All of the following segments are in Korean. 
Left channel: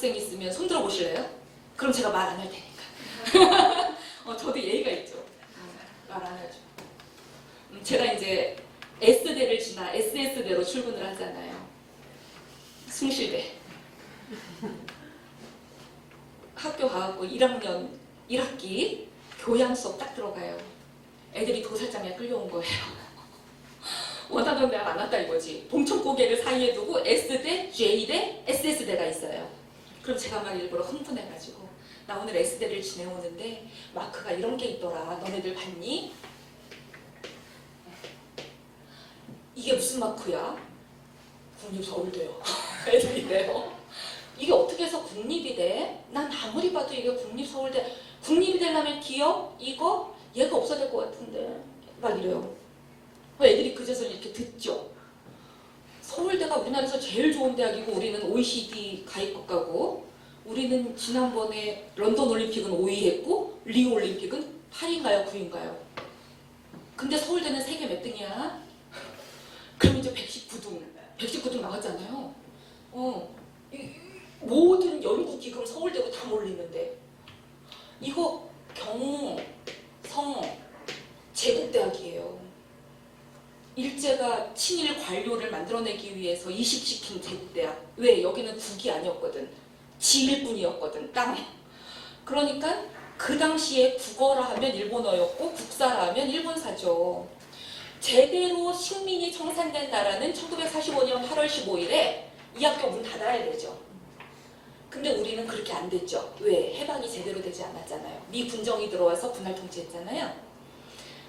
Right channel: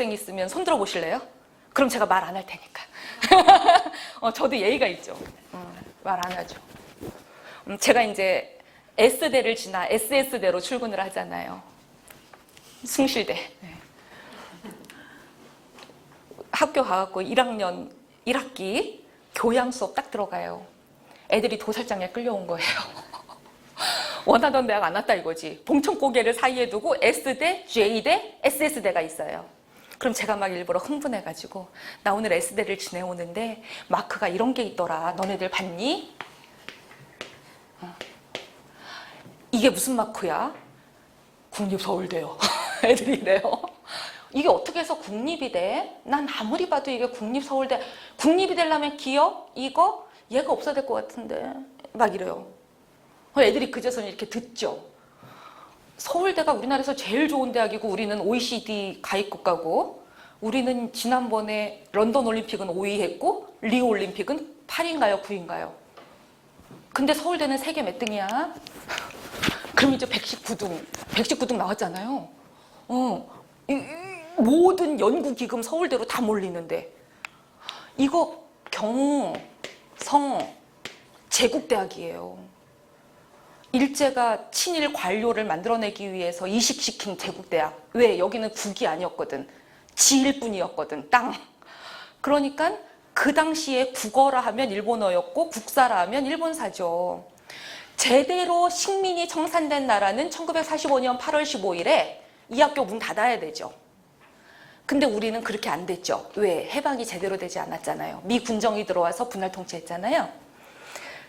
학생 있으면 손 들어 보실래요? 그럼 제가 말 안 할 테니까. 저도 예의가 있죠. 말 안 하죠. 제가 이제 S대를 지나 SS대로 출근을 하잖아요. 숭실대. 학교 가갖고 1학년 1학기 교양 수업 딱 들어가요. 애들이 도살장에 끌려온 거예요. 원하던 대학 안 왔다 이거지. 봉천고개를 사이에 두고 S대, J대, SS대가 있어요. 그럼 제가 막 일부러 흥분해가지고 나 오늘 S대를 지내오는데 마크가 이런 게 있더라. 너네들 봤니? 이게 무슨 마크야? 국립서울대요. 애들이 이래요. 이게 어떻게 해서 국립이 돼? 난 아무리 봐도 이게 국립서울대. 국립이 되려면 기업? 이거? 얘가 없어야 될 것 같은데. 막 이래요. 애들이 그제서 이렇게 듣죠. 서울대가 우리나라에서 제일 좋은 대학이고 우리는 OECD 가입국가고 우리는 지난번에 런던 올림픽은 5위 했고 리우 올림픽은 8위인가요? 9위인가요? 근데 서울대는 세계 몇 등이야? 그럼 이제 119등 나왔잖아요. 모든 연구기금 서울대로 다 몰리는데 이거 경성 제국대학이에요. 일제가 친일 관료를 만들어내기 위해서 이식시킨 제국대학. 왜? 여기는 국이 아니었거든. 지일 뿐이었거든. 땅. 그러니까 그 당시에 국어라 하면 일본어였고 국사라 하면 일본사죠. 제대로 식민이 청산된 나라는 1945년 8월 15일에 이 학교 문 닫아야 되죠. 근데 우리는 그렇게 안 됐죠. 왜? 해방이 제대로 되지 않았잖아요. 미 군정이 들어와서 군할 통치했잖아요.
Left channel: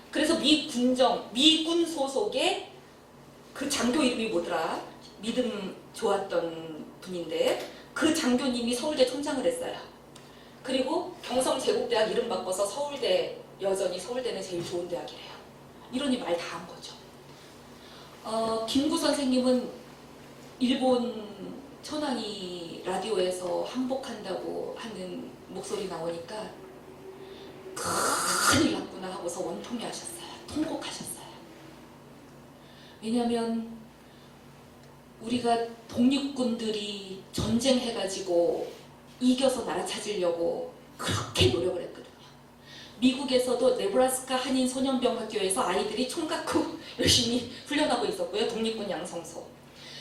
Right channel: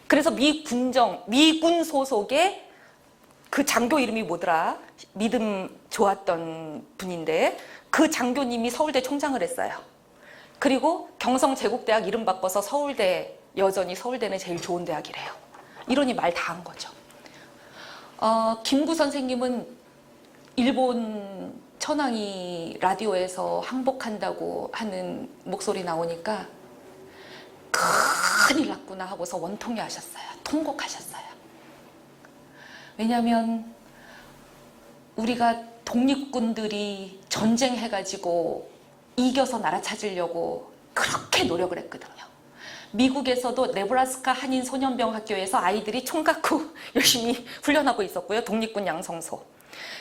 그래서 미군 소속의 그 장교 이름이 뭐더라? 믿음 좋았던 분인데 그 장교님이 서울대 총장을 했어요. 그리고 경성제국대학 이름 바꿔서 서울대, 여전히 서울대는 제일 좋은 대학이래요. 이러니 말 다 한 거죠. 김구 선생님은 일본 천황이 라디오에서 항복한다고 하는 목소리 나오니까 큰일 났구나 하고서 원통이 하셨어요. 통곡하셨어요. 왜냐하면 우리가 독립군들이 전쟁해가지고 이겨서 나라 찾으려고 그렇게 노력을 했거든요. 미국에서도 네브라스카 한인 소년병 학교에서 아이들이 총 갖고 열심히 훈련하고 있었고요. 독립군 양성소.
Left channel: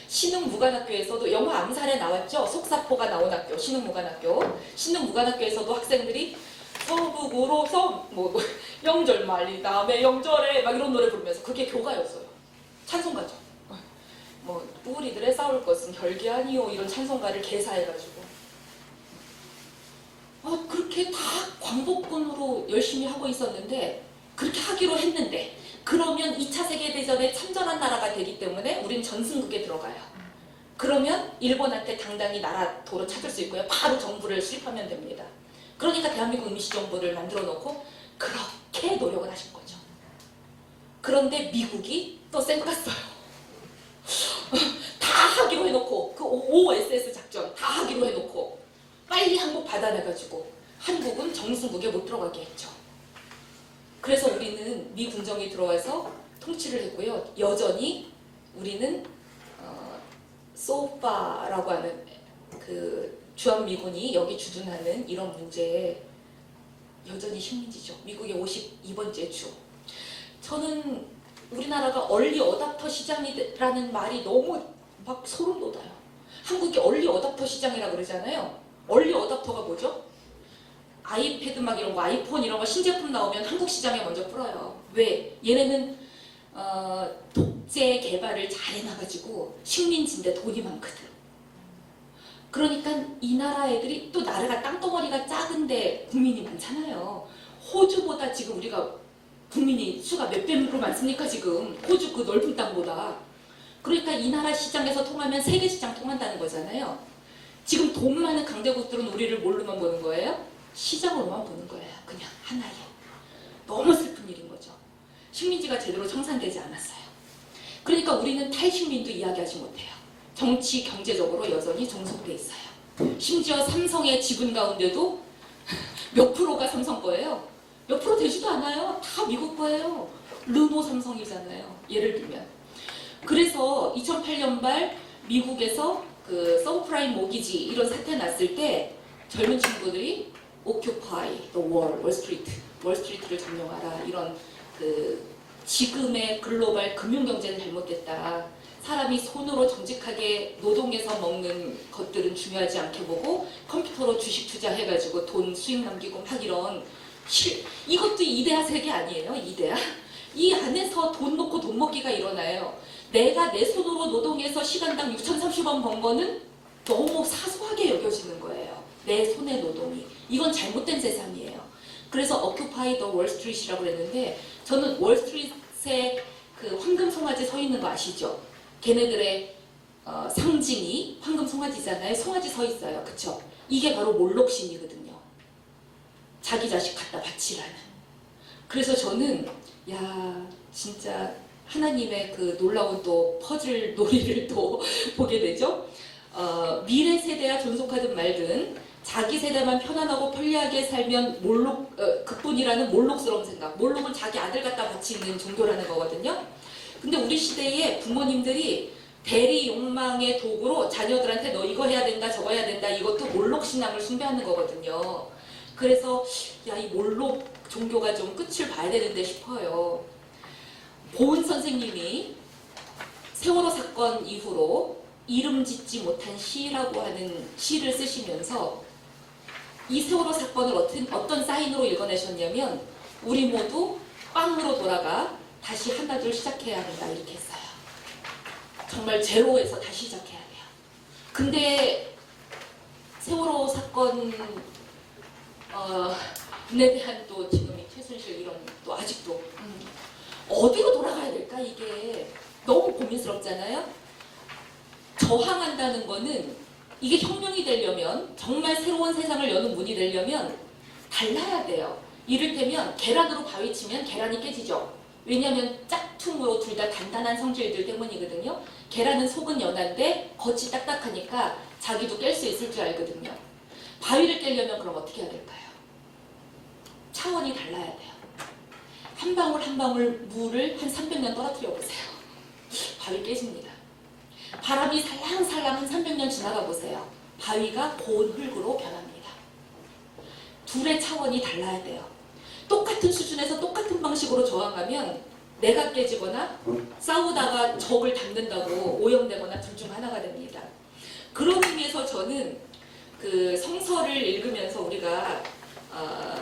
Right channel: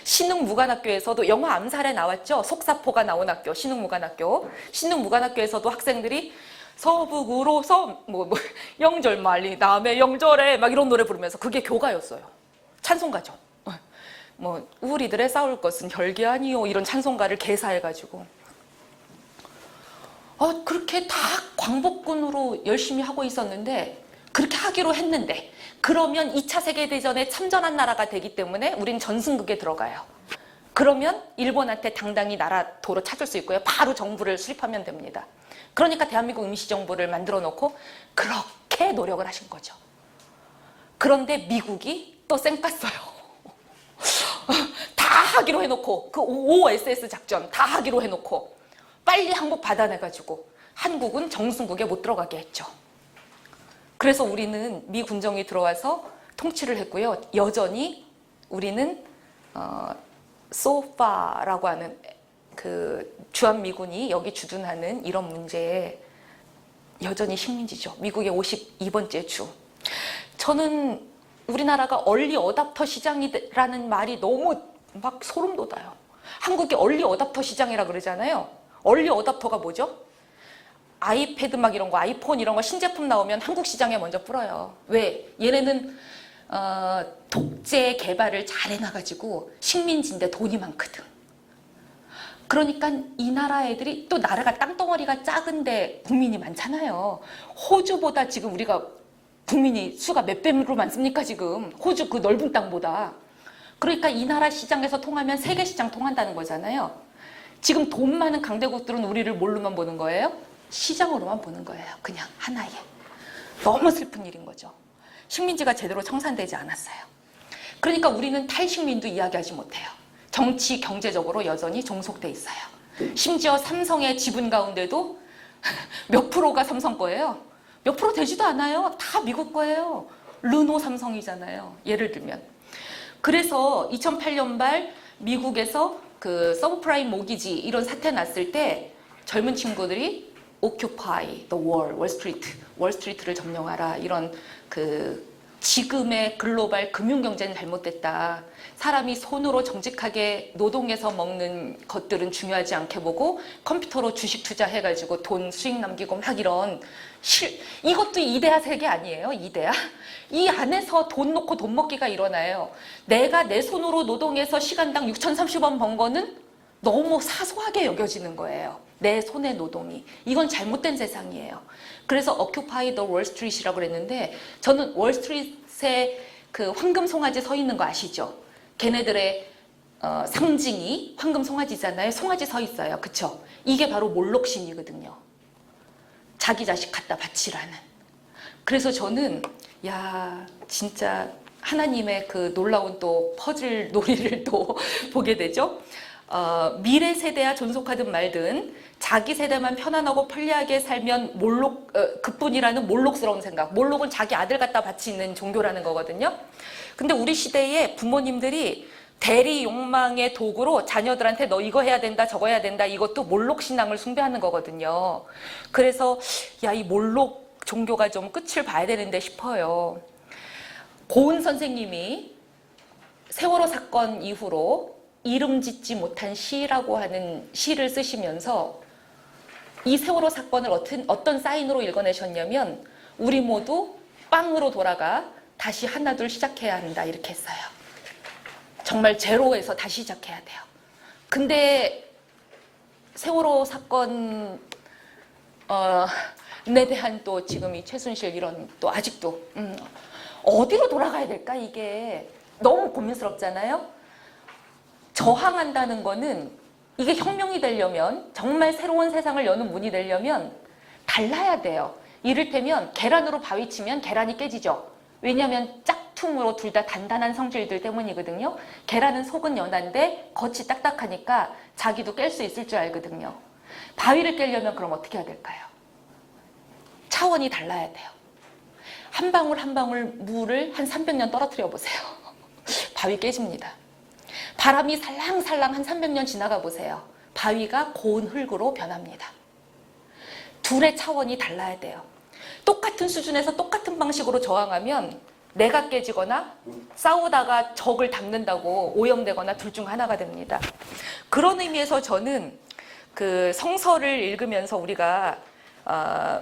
신흥무관학교에서도 영화 암살에 나왔죠. 속사포가 나온 학교, 신흥무관학교. 신흥무관학교에서도 학생들이 서북으로서 영절 말리 남의 영절에 막 이런 노래 부르면서 그게 교가였어요. 찬송가죠. 우리들의 싸울 것은 별게 아니요 이런 찬송가를 개사해가지고 그렇게 다 광복군으로 열심히 하고 있었는데 그렇게 하기로 했는데 그러면 2차 세계대전에 참전한 나라가 되기 때문에 우린 전승국에 들어가요. 그러면 일본한테 당당히 나라 도로 찾을 수 있고요. 바로 정부를 수립하면 됩니다. 그러니까 대한민국 임시정부를 만들어 놓고 그렇게 노력을 하신 거죠. 그런데 미국이 또 쌩깠어요. 다 하기로 해놓고 그 OSS 작전 다 하기로 해놓고 빨리 한국 받아내가지고 한국은 정승국에 못 들어가게 했죠. 그래서 우리는 미 군정이 들어와서 통치를 했고요. 여전히 우리는 소파라고 하는 그 주한미군이 여기 주둔하는 이런 문제에 여전히 식민지죠. 미국의 52번째 주. 저는 우리나라가 얼리 어답터 시장이라는 말이 너무 막 소름 돋아요. 한국이 얼리 어답터 시장이라 그러잖아요. 얼리 어답터가 뭐죠? 아이패드 막 이런 거, 아이폰 이런 거 신제품 나오면 한국 시장에 먼저 뿌려요. 왜? 얘네는 독재 개발을 잘 해놔가지고 식민지인데 돈이 많거든. 그러니까 이 나라 애들이 또 나라가 땅덩어리가 작은데 국민이 많잖아요. 호주보다 지금 우리가 국민이 수가 몇 배로 많습니까 지금. 호주 그 넓은 땅보다. 그러니까 이 나라 시장에서 통하면 세계 시장 통한다는 거잖아요. 지금 돈 많은 강대국들은 우리를 뭘로만 보는 거예요? 시장으로만 보는 거예요. 그냥 하나의. 너무 슬픈 일인 거죠. 식민지가 제대로 청산되지 않았어요. 그러니까 우리는 탈식민도 이야기하지 못해요. 정치, 경제적으로 여전히 종속돼 있어요. 심지어 삼성의 지분 가운데도 몇 프로가 삼성 거예요? 몇 프로 되지도 않아요. 다 미국 거예요. 르노 삼성이잖아요. 예를 들면. 그래서 2008년 말 미국에서 그 서브프라임 모기지 이런 사태 났을 때 젊은 친구들이 Occupy the Wall, 월스트리트를 점령하라 이런 그 지금의 글로벌 금융 경제는 잘못됐다. 사람이 손으로 정직하게 노동해서 먹는 것들은 중요하지 않게 보고 컴퓨터로 주식 투자해가지고 돈 수익 남기고 막 이런 이것도 이데아 세계 아니에요? 이데아? 이 안에서 돈 놓고 돈 먹기가 일어나요. 내가 내 손으로 노동해서 시간당 6,030원 번 거는 너무 사소하게 여겨지는 거예요. 내 손의 노동이. 이건 잘못된 세상이에요. 그래서 Occupy the Wall Street이라고 그랬는데 저는 월스트리트에 그 황금 송아지 서 있는 거 아시죠? 걔네들의 상징이 황금 송아지잖아요. 송아지 서 있어요. 그쵸? 이게 바로 몰록신이거든요. 자기 자식 갖다 바치라는. 그래서 저는 야 진짜 하나님의 그 놀라운 또 퍼즐 놀이를 또 보게 되죠. 미래 세대야 존속하든 말든 자기 세대만 편안하고 편리하게 살면 그뿐이라는 몰록스러운 생각. 몰록은 자기 아들 갖다 바치는 종교라는 거거든요. 근데 우리 시대에 부모님들이 대리 욕망의 도구로 자녀들한테 너 이거 해야 된다 저거 해야 된다 이것도 몰록 신앙을 숭배하는 거거든요. 그래서 야 이 몰록 종교가 좀 끝을 봐야 되는데 싶어요. 고은 선생님이 세월호 사건 이후로 이름 짓지 못한 시라고 하는 시를 쓰시면서 이 세월호 사건을 어떤 사인으로 읽어내셨냐면 우리 모두 빵으로 돌아가 다시 하나둘 시작해야 한다 이렇게 했어요. 정말 제로에서 다시 시작해야 돼요. 근데 세월호 사건 에 대한 또 지금 이 최순실 이런 또 아직도 어디로 돌아가야 될까 이게 너무 고민스럽잖아요. 저항한다는 거는 이게 혁명이 되려면 정말 새로운 세상을 여는 문이 되려면 달라야 돼요. 이를테면 계란으로 바위 치면 계란이 깨지죠. 왜냐하면 짝퉁으로 둘 다 단단한 성질들 때문이거든요. 계란은 속은 연한데 겉이 딱딱하니까 자기도 깰 수 있을 줄 알거든요. 바위를 깨려면 그럼 어떻게 해야 될까요? 차원이 달라야 돼요. 한 방울 한 방울 물을 한 300년 떨어뜨려 보세요. 바위 깨집니다. 바람이 살랑살랑 한 300년 지나가 보세요. 바위가 고운 흙으로 변합니다. 둘의 차원이 달라야 돼요. 똑같은 수준에서 똑같은 방식으로 저항하면 내가 깨지거나 싸우다가 적을 닦는다고 오염되거나 둘 중 하나가 됩니다. 그런 의미에서 저는 그 성서를 읽으면서 우리가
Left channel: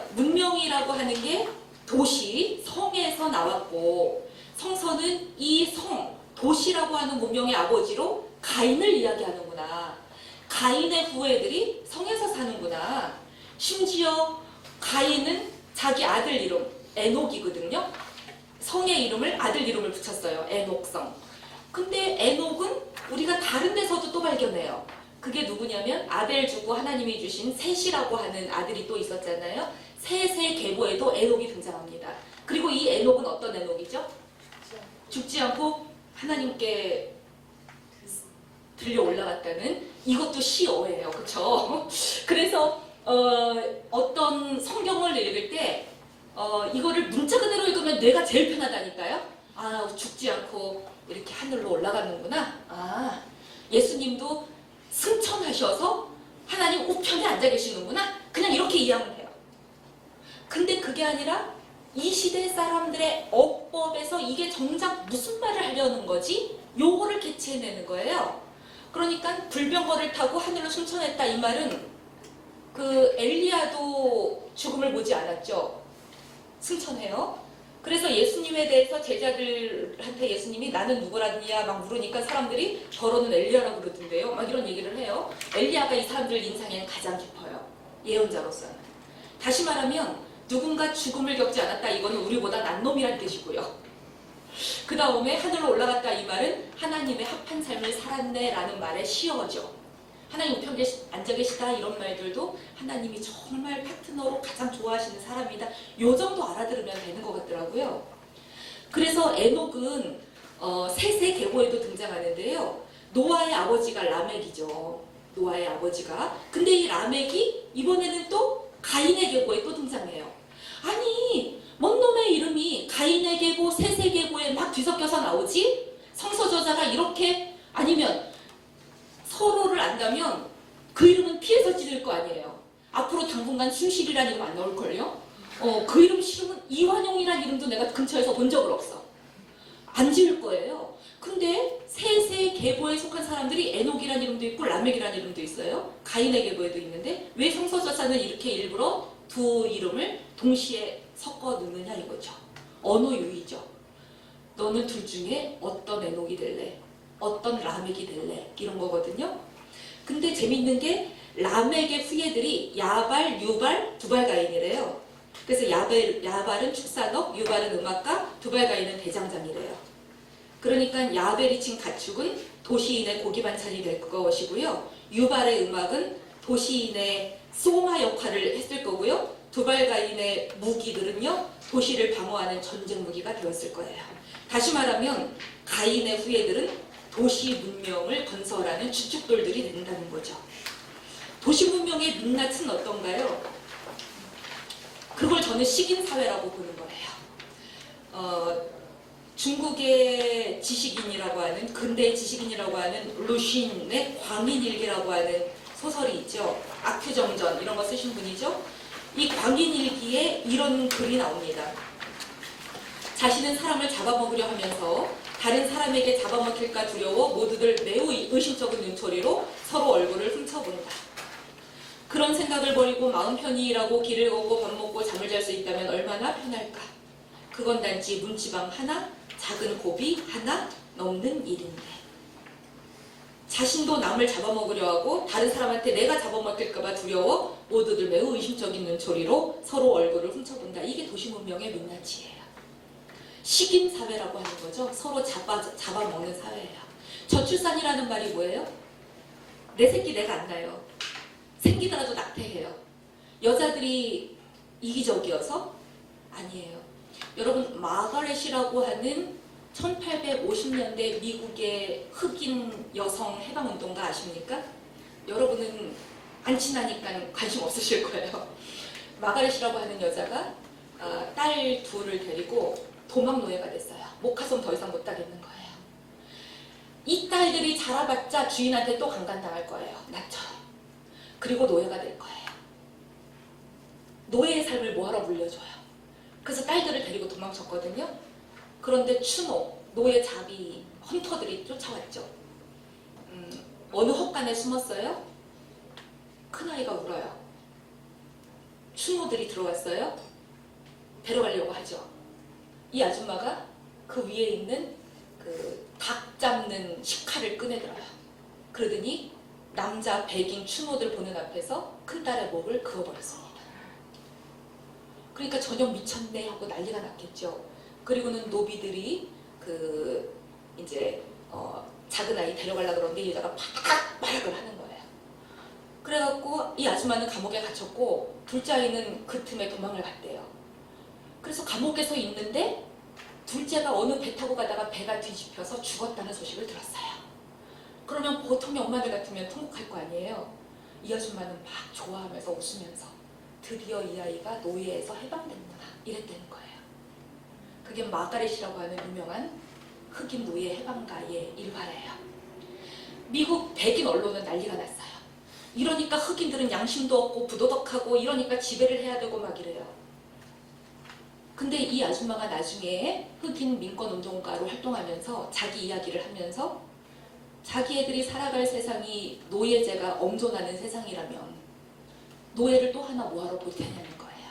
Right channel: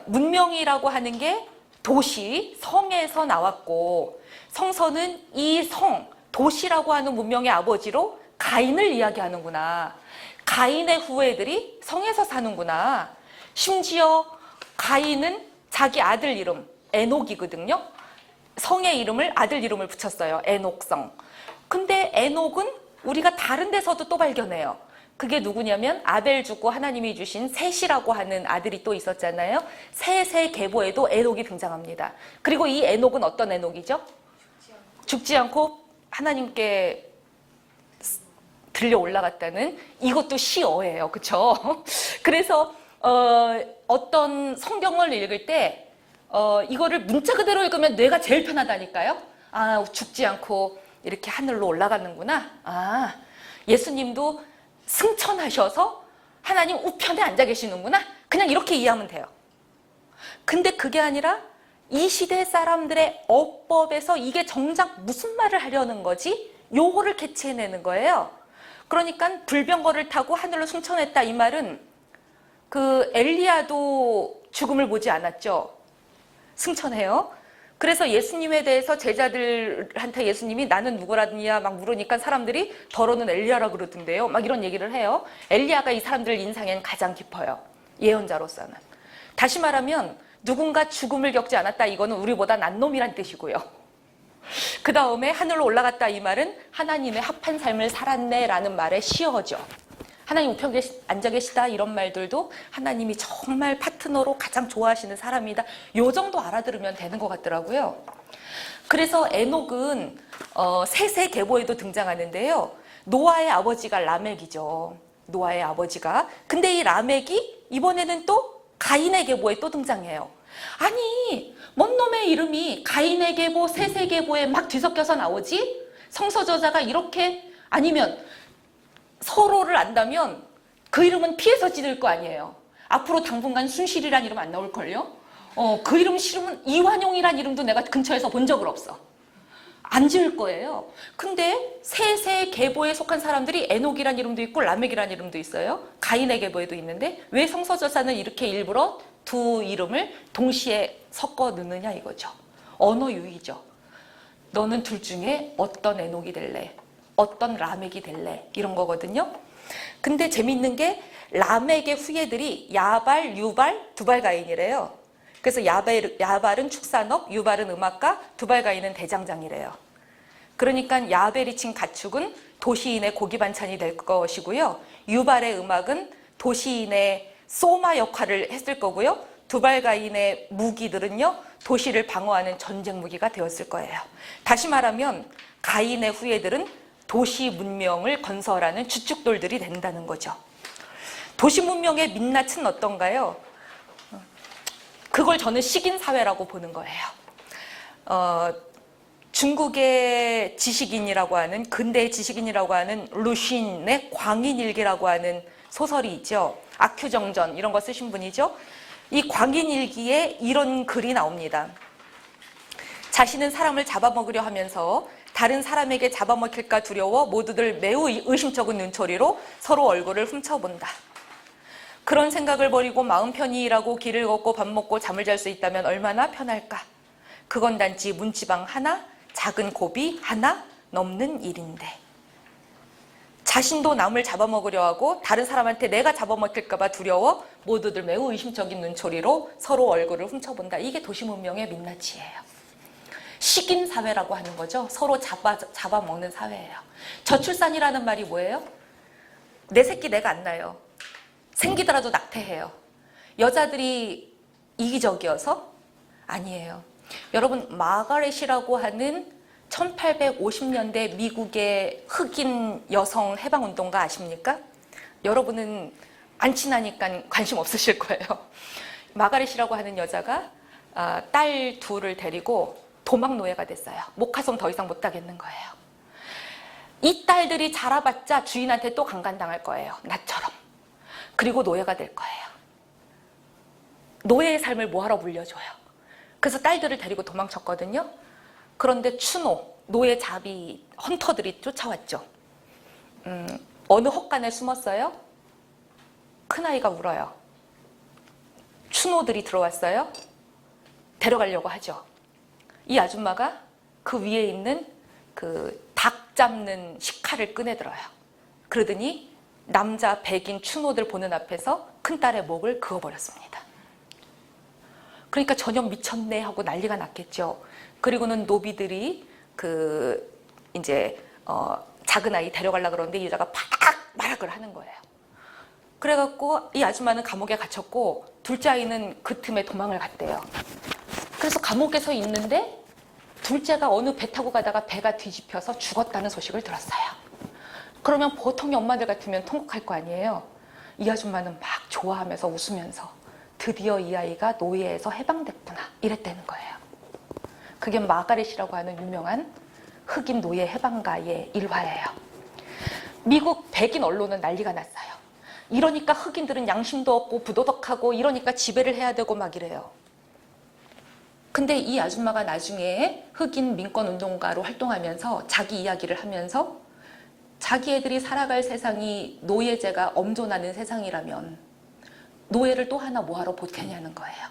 문명이라고 하는 게 도시, 성에서 나왔고 성서는 이 성, 도시라고 하는 문명의 아버지로 가인을 이야기하는구나. 가인의 후예들이 성에서 사는구나. 심지어 가인은 자기 아들 이름 에녹이거든요. 성의 이름을 아들 이름을 붙였어요. 에녹성. 근데 에녹은 우리가 다른 데서도 또 발견해요. 그게 누구냐면 아벨 죽고 하나님이 주신 셋이라고 하는 아들이 또 있었잖아요. 셋의 계보에도 에녹이 등장합니다. 그리고 이 에녹은 어떤 에녹이죠? 죽지 않고 하나님께 들려 올라갔다는 이것도 시어예요. 그쵸? 그래서 어떤 성경을 읽을 때 이거를 문자 그대로 읽으면 뇌가 제일 편하다니까요. 아, 죽지 않고 이렇게 하늘로 올라가는구나. 아, 예수님도 승천하셔서 하나님 우편에 앉아 계시는구나. 그냥 이렇게 이해하면 돼요. 근데 그게 아니라 이 시대 사람들의 어법에서 이게 정작 무슨 말을 하려는 거지? 요거를 캐치해내는 거예요. 그러니까 불병거를 타고 하늘로 승천했다 이 말은 그 엘리야도 죽음을 보지 않았죠. 승천해요. 그래서 예수님에 대해서 제자들한테 예수님이 나는 누구라느냐 막 물으니까 사람들이 더러는 엘리야라고 그러던데요. 막 이런 얘기를 해요. 엘리야가 이 사람들 인상엔 가장 깊어요. 예언자로서는. 다시 말하면 누군가 죽음을 겪지 않았다 이거는 우리보다 난 놈이란 뜻이고요. 그 다음에 하늘로 올라갔다 이 말은 하나님의 합한 삶을 살았네 라는 말의 시어죠. 하나님 우편에 앉아 계시다 이런 말들도 하나님이 정말 파트너로 가장 좋아하시는 사람이다. 요 정도 알아들으면 되는 것 같더라고요. 그래서 에녹은 셋의 계보에도 등장하는데요. 노아의 아버지가 라멕이죠. 노아의 아버지가. 근데 이 라멕이 이번에는 또 가인의 계보에 또 등장해요. 아니 뭔 놈의 이름이 가인의 계보, 셋의 계보에 막 뒤섞여서 나오지? 성서 저자가 이렇게 아니면 서로를 안다면 그 이름은 피해서 지을 거 아니에요. 앞으로 당분간 순실이란 이름 안 나올걸요? 그 이름 싫으면 이완용이란 이름도 내가 근처에서 본 적은 없어. 안 지을 거예요. 근데 셋의 계보에 속한 사람들이 에녹이란 이름도 있고 라멕이란 이름도 있어요. 가인의 계보에도 있는데 왜 성서저자는 이렇게 일부러 두 이름을 동시에 섞어 넣느냐 이거죠. 언어 유희죠. 너는 둘 중에 어떤 에녹이 될래? 어떤 라멕이 될래? 이런 거거든요. 근데 재미있는 게 라멕의 후예들이 야발, 유발, 두발가인이래요. 그래서 야발은 축산업, 유발은 음악가, 두발가인은 대장장이래요. 그러니까 야벨이 친 가축은 도시인의 고기 반찬이 될 것이고요. 유발의 음악은 도시인의 소마 역할을 했을 거고요. 두발가인의 무기들은요, 도시를 방어하는 전쟁 무기가 되었을 거예요. 다시 말하면 가인의 후예들은 도시 문명을 건설하는 주축돌들이 된다는 거죠. 도시 문명의 민낯은 어떤가요? 그걸 저는 식인사회라고 보는 거예요. 중국의 지식인이라고 하는, 근대의 지식인이라고 하는 루신의 광인일기라고 하는 소설이 있죠. 아큐정전 이런 거 쓰신 분이죠. 이 광인일기에 이런 글이 나옵니다. 자신은 사람을 잡아먹으려 하면서 다른 사람에게 잡아먹힐까 두려워 모두들 매우 의심쩍은 눈초리로 서로 얼굴을 훔쳐본다. 그런 생각을 버리고 마음 편히 일하고 길을 걷고 밥 먹고 잠을 잘 수 있다면 얼마나 편할까. 그건 단지 문지방 하나, 작은 고비 하나 넘는 일인데. 자신도 남을 잡아먹으려 하고 다른 사람한테 내가 잡아먹힐까봐 두려워 모두들 매우 의심적인 눈초리로 서로 얼굴을 훔쳐본다. 이게 도시문명의 민낯이에요. 식인사회라고 하는 거죠. 서로 잡아먹는 사회예요. 저출산이라는 말이 뭐예요? 내 새끼 내가 안 낳아요. 생기더라도 낙태해요. 여자들이 이기적이어서? 아니에요. 여러분, 마가렛이라고 하는 1850년대 미국의 흑인 여성 해방운동가 아십니까? 여러분은 안 친하니까 관심 없으실 거예요. 마가렛이라고 하는 여자가 딸 둘을 데리고 도망 노예가 됐어요. 목화송 더 이상 못 하겠는 거예요. 이 딸들이 자라봤자 주인한테 또 강간당할 거예요. 나처럼. 그리고 노예가 될 거예요. 노예의 삶을 뭐하러 물려줘요. 그래서 딸들을 데리고 도망쳤거든요. 그런데 추노, 노예 잡이 헌터들이 쫓아왔죠. 어느 헛간에 숨었어요? 큰아이가 울어요. 추노들이 들어왔어요. 데려가려고 하죠. 이 아줌마가 그 위에 있는 그 닭 잡는 식칼을 꺼내들어요. 그러더니 남자 백인 추노들 보는 앞에서 큰딸의 목을 그어버렸습니다. 그러니까 저녁 미쳤네 하고 난리가 났겠죠. 그리고는 노비들이 이제 작은 아이 데려가려고 그러는데 이러다가 팍 마락을 하는 거예요. 그래갖고 이 아줌마는 감옥에 갇혔고 둘째 아이는 그 틈에 도망을 갔대요. 그래서 감옥에서 있는데 둘째가 어느 배 타고 가다가 배가 뒤집혀서 죽었다는 소식을 들었어요. 그러면 보통의 엄마들 같으면 통곡할 거 아니에요. 이 아줌마는 막 좋아하면서 웃으면서 드디어 이 아이가 노예에서 해방됐구나 이랬다는 거예요. 그게 마가렛이라고 하는 유명한 흑인 노예 해방가의 일화예요. 미국 백인 언론은 난리가 났어요. 이러니까 흑인들은 양심도 없고 부도덕하고 이러니까 지배를 해야 되고 막 이래요. 근데 이 아줌마가 나중에 흑인 민권운동가로 활동하면서 자기 이야기를 하면서 자기 애들이 살아갈 세상이 노예제가 엄존하는 세상이라면 노예를 또 하나 뭐하러 보태냐는 거예요.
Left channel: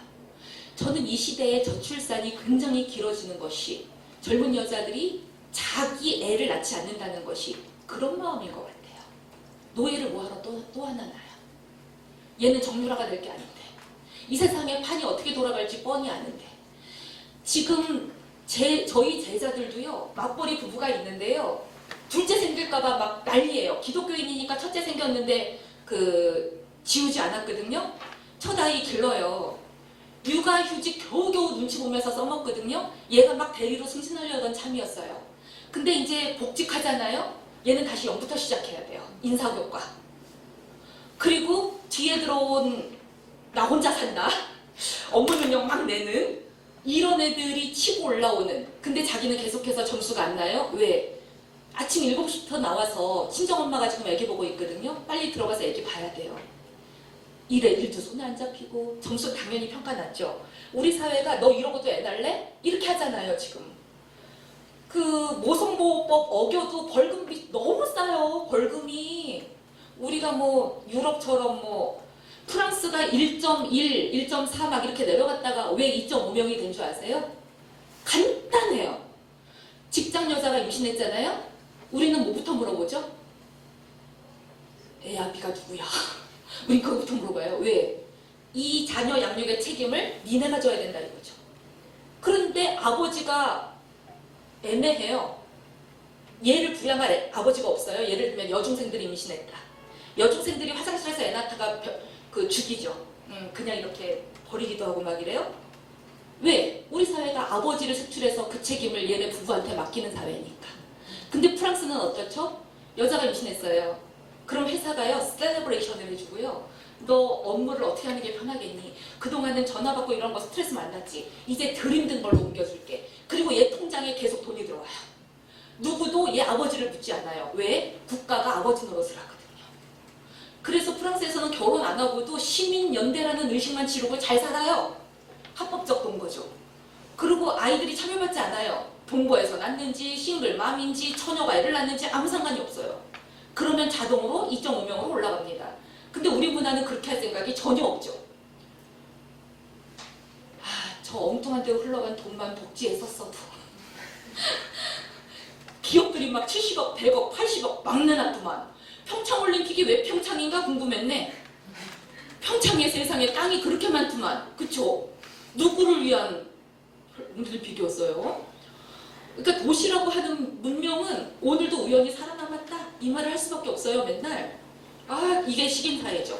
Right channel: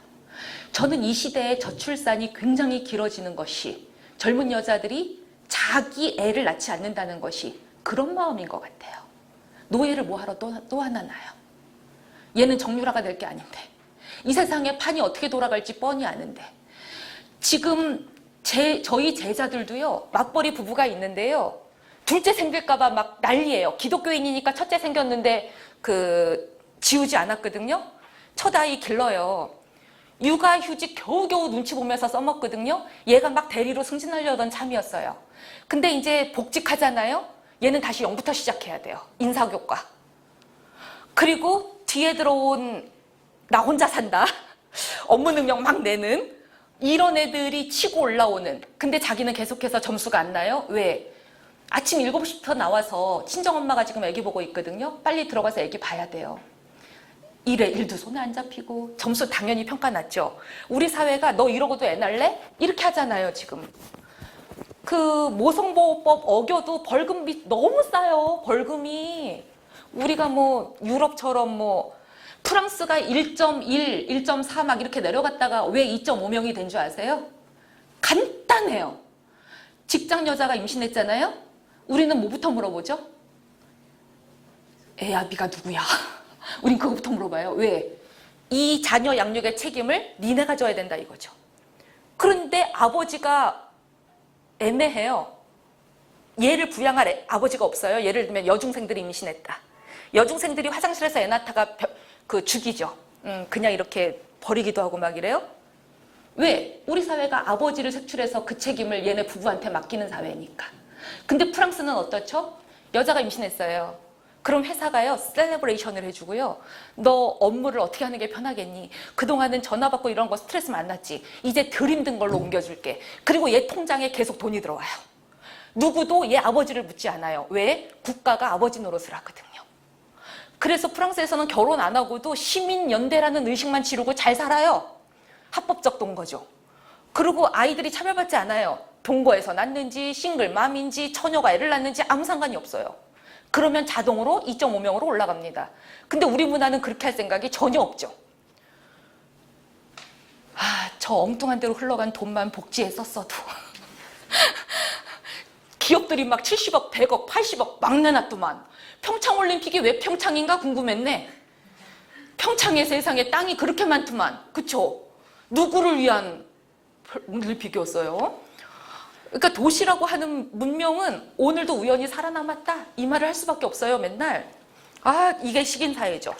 저는 이 시대에 저출산이 굉장히 길어지는 것이 젊은 여자들이 자기 애를 낳지 않는다는 것이 그런 마음인 것 같아요. 노예를 뭐하러 또 하나 낳아요. 얘는 정유라가 될 게 아닌데 이 세상의 판이 어떻게 돌아갈지 뻔히 아는데 지금 저희 제자들도요 맞벌이 부부가 있는데요 둘째 생길까봐 막 난리예요. 기독교인이니까 첫째 생겼는데 지우지 않았거든요. 첫 아이 길러요. 육아휴직 겨우겨우 눈치 보면서 써먹거든요. 얘가 막 대리로 승진하려던 참이었어요. 근데 이제 복직하잖아요. 얘는 다시 0부터 시작해야 돼요. 인사교과. 그리고 뒤에 들어온 나 혼자 산다. 업무 능력 막 내는 이런 애들이 치고 올라오는. 근데 자기는 계속해서 점수가 안 나요. 왜? 아침 7시부터 나와서 친정엄마가 지금 애기 보고 있거든요. 빨리 들어가서 애기 봐야 돼요. 일도 손에 안 잡히고 점수 당연히 평가 낮죠. 우리 사회가 너 이러고도 애 낳을래? 이렇게 하잖아요 지금. 그 모성보호법 어겨도 벌금이 너무 싸요. 벌금이. 우리가 뭐 유럽처럼 뭐 프랑스가 1.1, 1.4 막 이렇게 내려갔다가 왜 2.5명이 된 줄 아세요? 간단해요. 직장 여자가 임신했잖아요. 우리는 뭐부터 물어보죠? 애야 네가 누구야? 우린 그거부터 물어봐요. 왜? 이 자녀 양육의 책임을 니네가 져야 된다 이거죠. 그런데 아버지가 애매해요. 얘를 부양할 아버지가 없어요. 예를 들면 여중생들이 임신했다. 여중생들이 화장실에서 애 낳다가 죽이죠. 그냥 이렇게 버리기도 하고 막 이래요. 왜? 우리 사회가 아버지를 색출해서 그 책임을 얘네 부부한테 맡기는 사회니까. 근데 프랑스는 어떻죠? 여자가 임신했어요. 그럼 회사가요 셀레브레이션을 해주고요. 너 업무를 어떻게 하는 게 편하겠니? 그동안은 전화 받고 이런 거 스트레스 많았지. 이제 덜 힘든 걸로 옮겨줄게. 그리고 얘 통장에 계속 돈이 들어와요. 누구도 얘 아버지를 묻지 않아요. 왜? 국가가 아버지 노릇을 하거든요. 그래서 프랑스에서는 결혼 안 하고도 시민연대라는 의식만 지르고 잘 살아요. 합법적 동거죠. 그리고 아이들이 차별받지 않아요. 동거에서 낳는지 싱글맘인지 처녀가 애를 낳는지 아무 상관이 없어요. 그러면 자동으로 2.5명으로 올라갑니다. 근데 우리 문화는 그렇게 할 생각이 전혀 없죠. 저 엉뚱한 데로 흘러간 돈만 복지에 썼어도 기업들이 막 70억, 100억, 80억 막 내놨더만. 평창올림픽이 왜 평창인가 궁금했네. 평창의 세상에 땅이 그렇게 많더만. 그쵸? 누구를 위한 올림픽이었어요? 그러니까 도시라고 하는 문명은 오늘도 우연히 살아남았다. 이 말을 할 수밖에 없어요. 맨날. 이게 식인사회죠.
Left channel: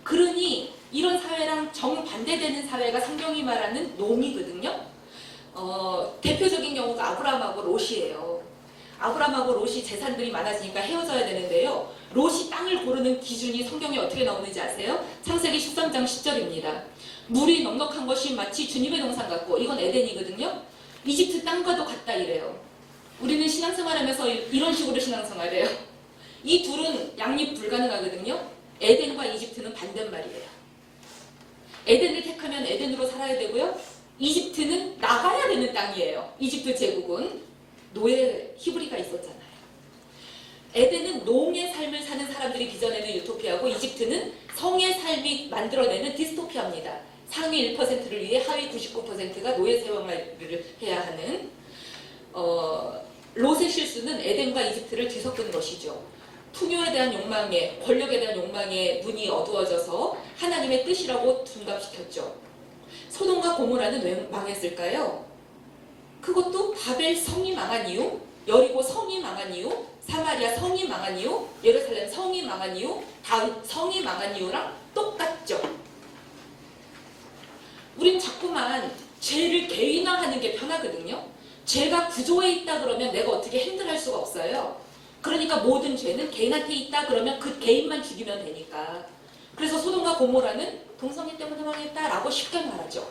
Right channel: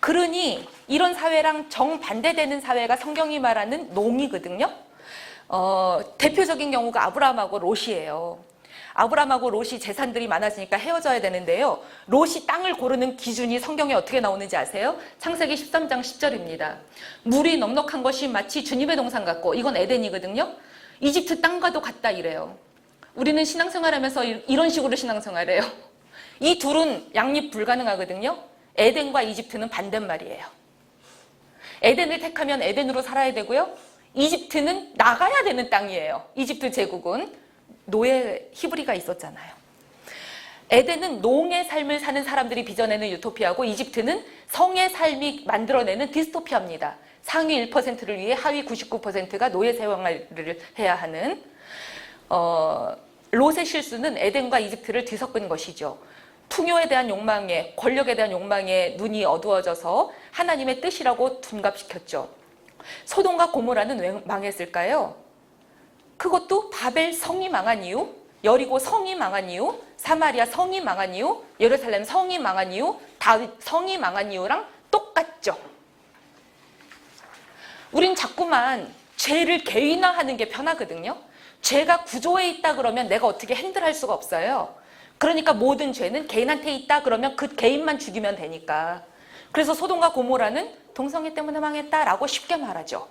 그러니 이런 사회랑 정반대되는 사회가 성경이 말하는 농이거든요. 대표적인 경우가 아브라함하고 롯이에요. 아브라함하고 롯이 재산들이 많아지니까 헤어져야 되는데요. 롯이 땅을 고르는 기준이 성경에 어떻게 나오는지 아세요? 창세기 13장 10절입니다. 물이 넉넉한 것이 마치 주님의 동산 같고, 이건 에덴이거든요. 이집트 땅과도 같다 이래요. 우리는 신앙생활하면서 이런 식으로 신앙생활해요. 이 둘은 양립 불가능하거든요. 에덴과 이집트는 반대말이에요. 에덴을 택하면 에덴으로 살아야 되고요. 이집트는 나가야 되는 땅이에요. 이집트 제국은 노예 히브리가 있었잖아요. 에덴은 농의 삶을 사는 사람들이 빚어내는 유토피아고, 이집트는 성의 삶이 만들어내는 디스토피아입니다. 상위 1%를 위해 하위 99%가 노예 생활을 해야 하는. 롯의 실수는 에덴과 이집트를 뒤섞은 것이죠. 풍요에 대한 욕망에, 권력에 대한 욕망에 눈이 어두워져서 하나님의 뜻이라고 둔갑시켰죠. 소돔과 고모라는 왜 망했을까요? 그것도 바벨 성이 망한 이유, 여리고 성이 망한 이유, 사마리아 성이 망한 이유, 예루살렘 성이 망한 이유, 다윗 성이 망한 이유랑 똑같죠. 우린 자꾸만 죄를 개인화하는 게 편하거든요. 죄가 구조에 있다 그러면 내가 어떻게 핸들할 수가 없어요. 그러니까 모든 죄는 개인한테 있다 그러면 그 개인만 죽이면 되니까. 그래서 소돔과 고모라는 동성애 때문에 망했다라고 쉽게 말하죠.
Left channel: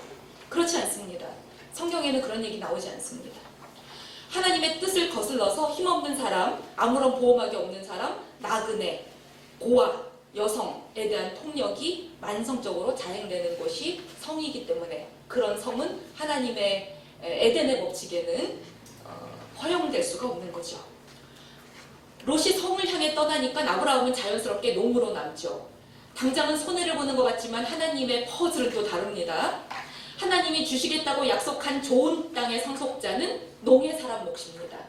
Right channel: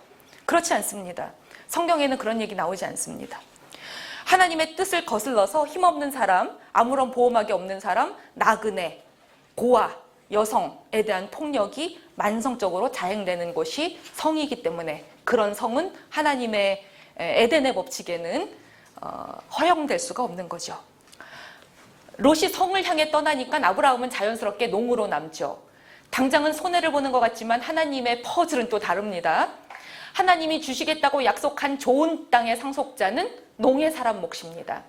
그렇지 않습니다. 성경에는 그런 얘기 나오지 않습니다. 하나님의 뜻을 거슬러서 힘없는 사람, 아무런 보호막이 없는 사람, 나그네, 고아, 여성에 대한 폭력이 만성적으로 자행되는 것이 성이기 때문에, 그런 성은 하나님의 에덴의 법칙에는 허용될 수가 없는 거죠. 롯이 성을 향해 떠나니까 아브라함은 자연스럽게 농으로 남죠. 당장은 손해를 보는 것 같지만 하나님의 퍼즐은 또 다릅니다. 하나님이 주시겠다고 약속한 좋은 땅의 상속자는 농의 사람 몫입니다.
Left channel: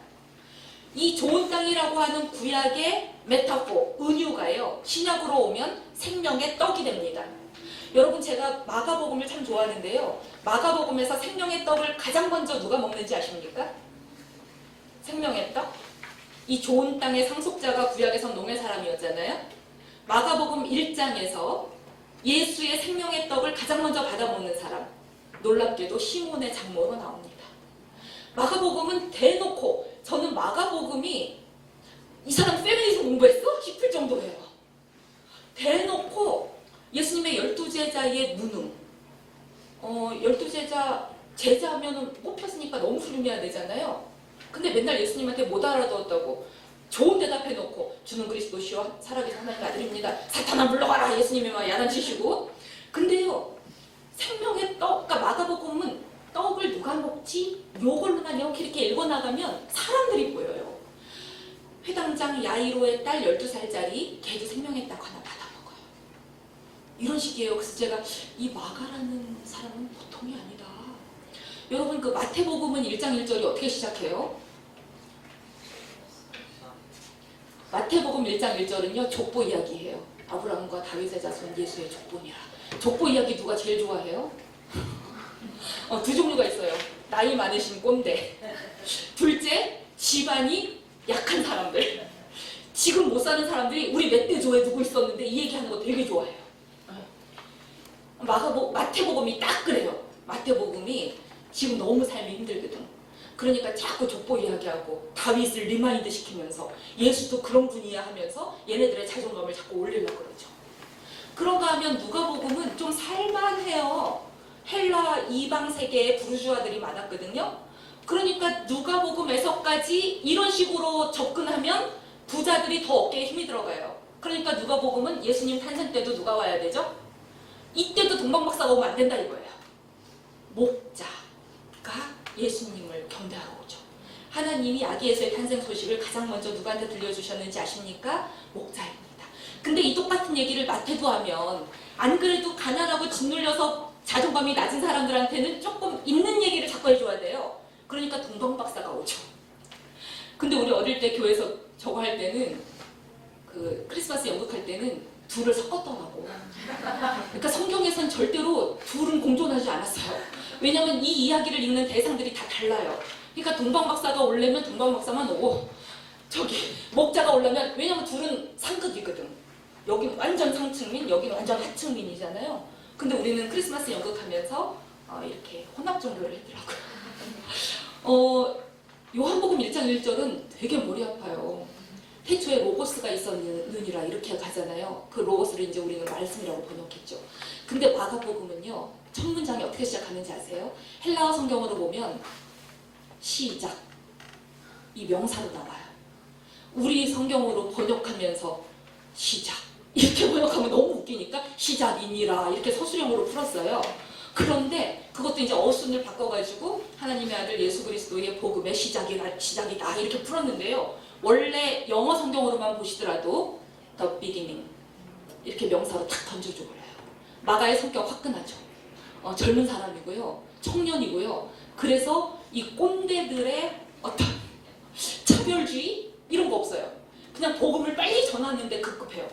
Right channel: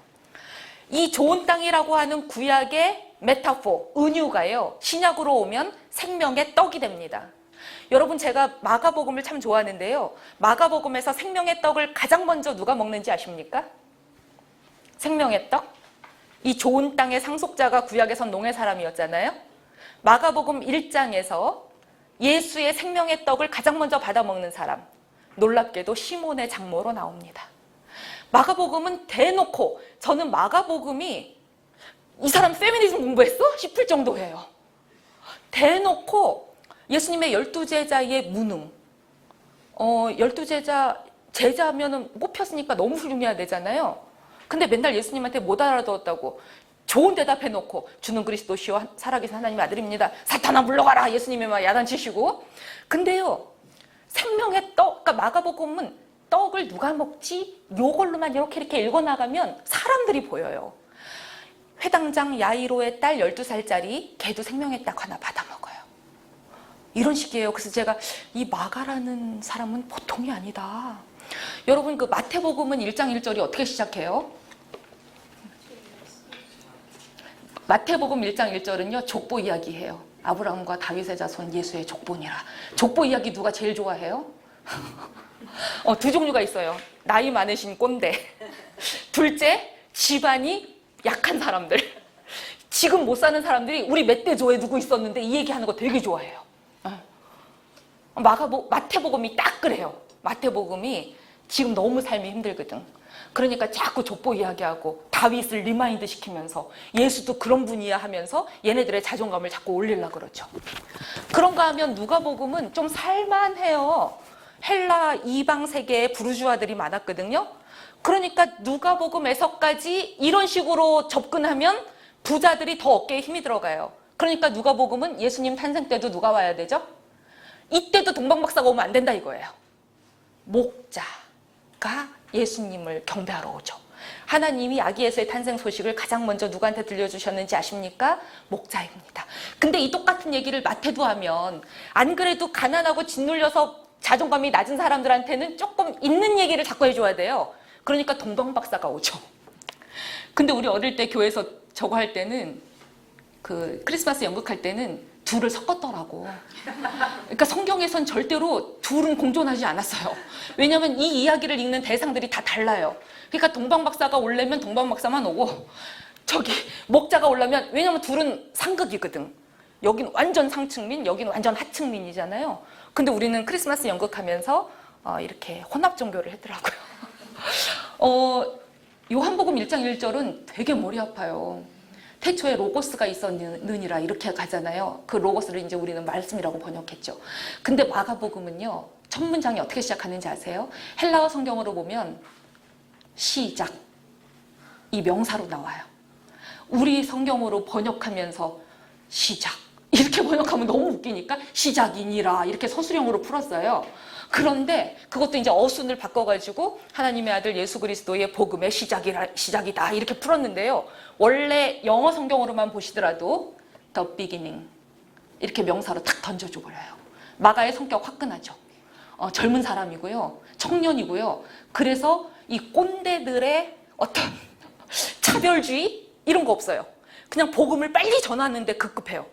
이 좋은 땅이라고 하는 구약의 메타포, 은유가요, 신약으로 오면 생명의 떡이 됩니다. 여러분, 제가 마가복음을 참 좋아하는데요. 마가복음에서 생명의 떡을 가장 먼저 누가 먹는지 아십니까? 생명의 떡? 이 좋은 땅의 상속자가 구약에선 농의 사람이었잖아요. 마가복음 1장에서 예수의 생명의 떡을 가장 먼저 받아먹는 사람, 놀랍게도 시몬의 장모로 나옵니다. 마가복음은 대놓고, 저는 마가복음이 이 사람 페미니즘 공부했어? 싶을 정도예요. 대놓고 예수님의 12제자의 무능, 12제자 제자하면 뽑혔으니까 너무 훌륭해야 되잖아요. 근데 맨날 예수님한테 못 알아들었다고, 좋은 대답해놓고 주는 그리스도시요 살아계신 하나님의 아들입니다. 사탄아 물러가라 예수님이 막 야단치시고. 근데요 생명의 떡, 그러니까 마가복음은 떡을 누가 먹지? 요걸로만 이렇게 읽어나가면 사람들이 보여요. 회당장 야이로의 딸 12살짜리 걔도 생명의 떡 하나 받아먹어요. 이런 식이에요. 그래서 제가 이 마가라는 사람은 보통이 아니다. 여러분 그 마태복음은 1장 1절이 어떻게 시작해요? 마태복음 1장 1절은요 족보 이야기해요. 아브라함과 다윗의 자손 예수의 족보니라. 족보 이야기 누가 제일 좋아해요? 두 종류가 있어요. 나이 많으신 꼰대. 둘째, 집안이 약한 사람들. 지금 못 사는 사람들이 우리 멧돼지에 누구 있었는데 이 얘기하는 거 되게 좋아해요. 마태복음이 딱 그래요. 마태복음이 지금 너무 삶이 힘들거든. 그러니까 자꾸 족보 이야기하고 다윗을 리마인드 시키면서 예수도 그런 분이야 하면서 얘네들의 자존감을 자꾸 올리려고 그러죠. 그런가 하면 누가복음은 좀 살만해요. 헬라 이방 세계에 부르주아들이 많았거든요. 그러니까 누가복음에서까지 이런 식으로 접근하면 부자들이 더 어깨에 힘이 들어가요. 그러니까 누가복음은 예수님 탄생 때도 누가 와야 되죠? 이때도 동방박사가 오면 안 된다 이거예요. 목자가 예수님을 경배하러 오죠. 하나님이 아기 예수의 탄생 소식을 가장 먼저 누구한테 들려주셨는지 아십니까? 목자입니다. 근데 이 똑같은 얘기를 마태도 하면 안 그래도 가난하고 짓눌려서 자존감이 낮은 사람들한테는 조금 있는 얘기를 자꾸 해줘야 돼요. 그러니까 동방박사가 오죠. 근데 우리 어릴 때 교회에서 저거 할 때는 그 크리스마스 연극할 때는 둘을 섞었더라고. 그러니까 성경에선 절대로 둘은 공존하지 않았어요. 왜냐면 이 이야기를 읽는 대상들이 다 달라요. 그러니까 동방박사가 오려면 동방박사만 오고 저기 목자가 오려면, 왜냐면 둘은 상극이거든. 여긴 완전 상층민, 여긴 완전 하층민이잖아요. 근데 우리는 크리스마스 연극하면서 이렇게 혼합 종교를 하더라고요. 요한복음 1장 1절은 되게 머리 아파요. 태초에 로고스가 있었느니라 이렇게 가잖아요. 그 로고스를 이제 우리는 말씀이라고 번역했죠. 근데 마가복음은요 첫 문장이 어떻게 시작하는지 아세요? 헬라어 성경으로 보면 시작 이 명사로 나와요. 우리 성경으로 번역하면서 시작 이렇게 번역하면 너무 웃기니까 시작이니라 이렇게 서술형으로 풀었어요. 그런데 그것도 이제 어순을 바꿔가지고 하나님의 아들 예수 그리스도의 복음의 시작이다 이렇게 풀었는데요. 원래 영어 성경으로만 보시더라도 the beginning 이렇게 명사로 탁 던져줘 보여요. 마가의 성격 화끈하죠. 젊은 사람이고요. 청년이고요. 그래서 이 꼰대들의 어떤 차별주의 이런 거 없어요. 그냥 복음을 빨리 전하는데 급급해요.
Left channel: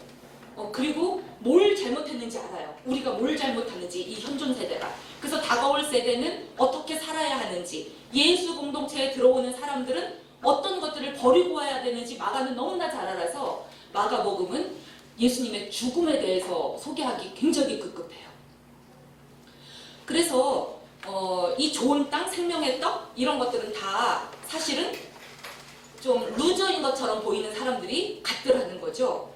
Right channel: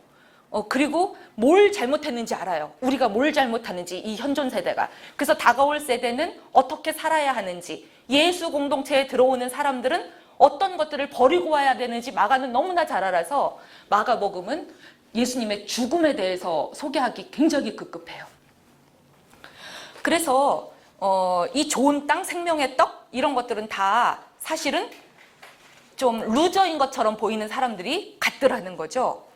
그리고 뭘 잘못했는지 알아요. 우리가 뭘 잘못하는지 이 현존 세대가. 그래서 다가올 세대는 어떻게 살아야 하는지, 예수 공동체에 들어오는 사람들은 어떤 것들을 버리고 와야 되는지 마가는 너무나 잘 알아서 마가복음은 예수님의 죽음에 대해서 소개하기 굉장히 급급해요. 그래서 이 좋은 땅, 생명의 떡 이런 것들은 다 사실은 좀 루저인 것처럼 보이는 사람들이 같더라는 거죠.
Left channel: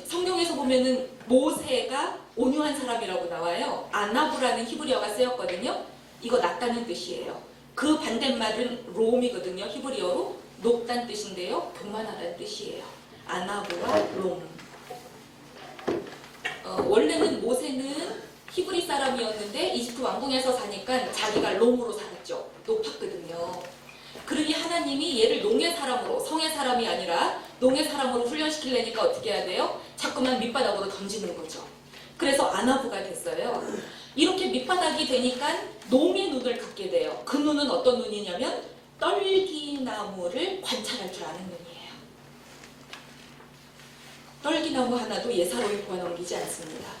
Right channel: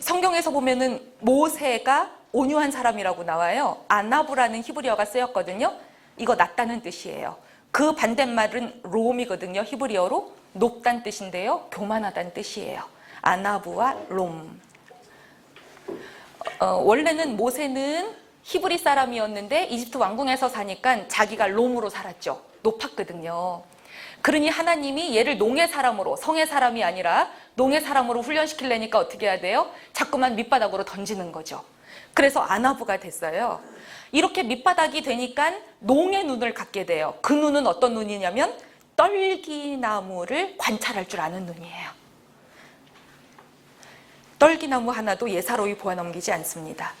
성경에서 보면은 모세가 온유한 사람이라고 나와요. 아나부라는 히브리어가 쓰였거든요. 이거 낮다는 뜻이에요. 그 반대말은 롬이거든요. 히브리어로 높다는 뜻인데요. 교만하다는 뜻이에요. 아나부와 롬. 원래는 모세는 히브리 사람이었는데 이집트 왕궁에서 사니까 자기가 롬으로 살았죠. 높았거든요. 그러니 하나님이 얘를 농의 사람으로, 성의 사람이 아니라 농의 사람으로 훈련시키려니까 어떻게 해야 돼요? 자꾸만 밑바닥으로 던지는 거죠. 그래서 아나부가 됐어요. 이렇게 밑바닥이 되니까 농의 눈을 갖게 돼요. 그 눈은 어떤 눈이냐면 떨기나무를 관찰할 줄 아는 눈이에요. 떨기나무 하나도 예사로이 보아 넘기지 않습니다.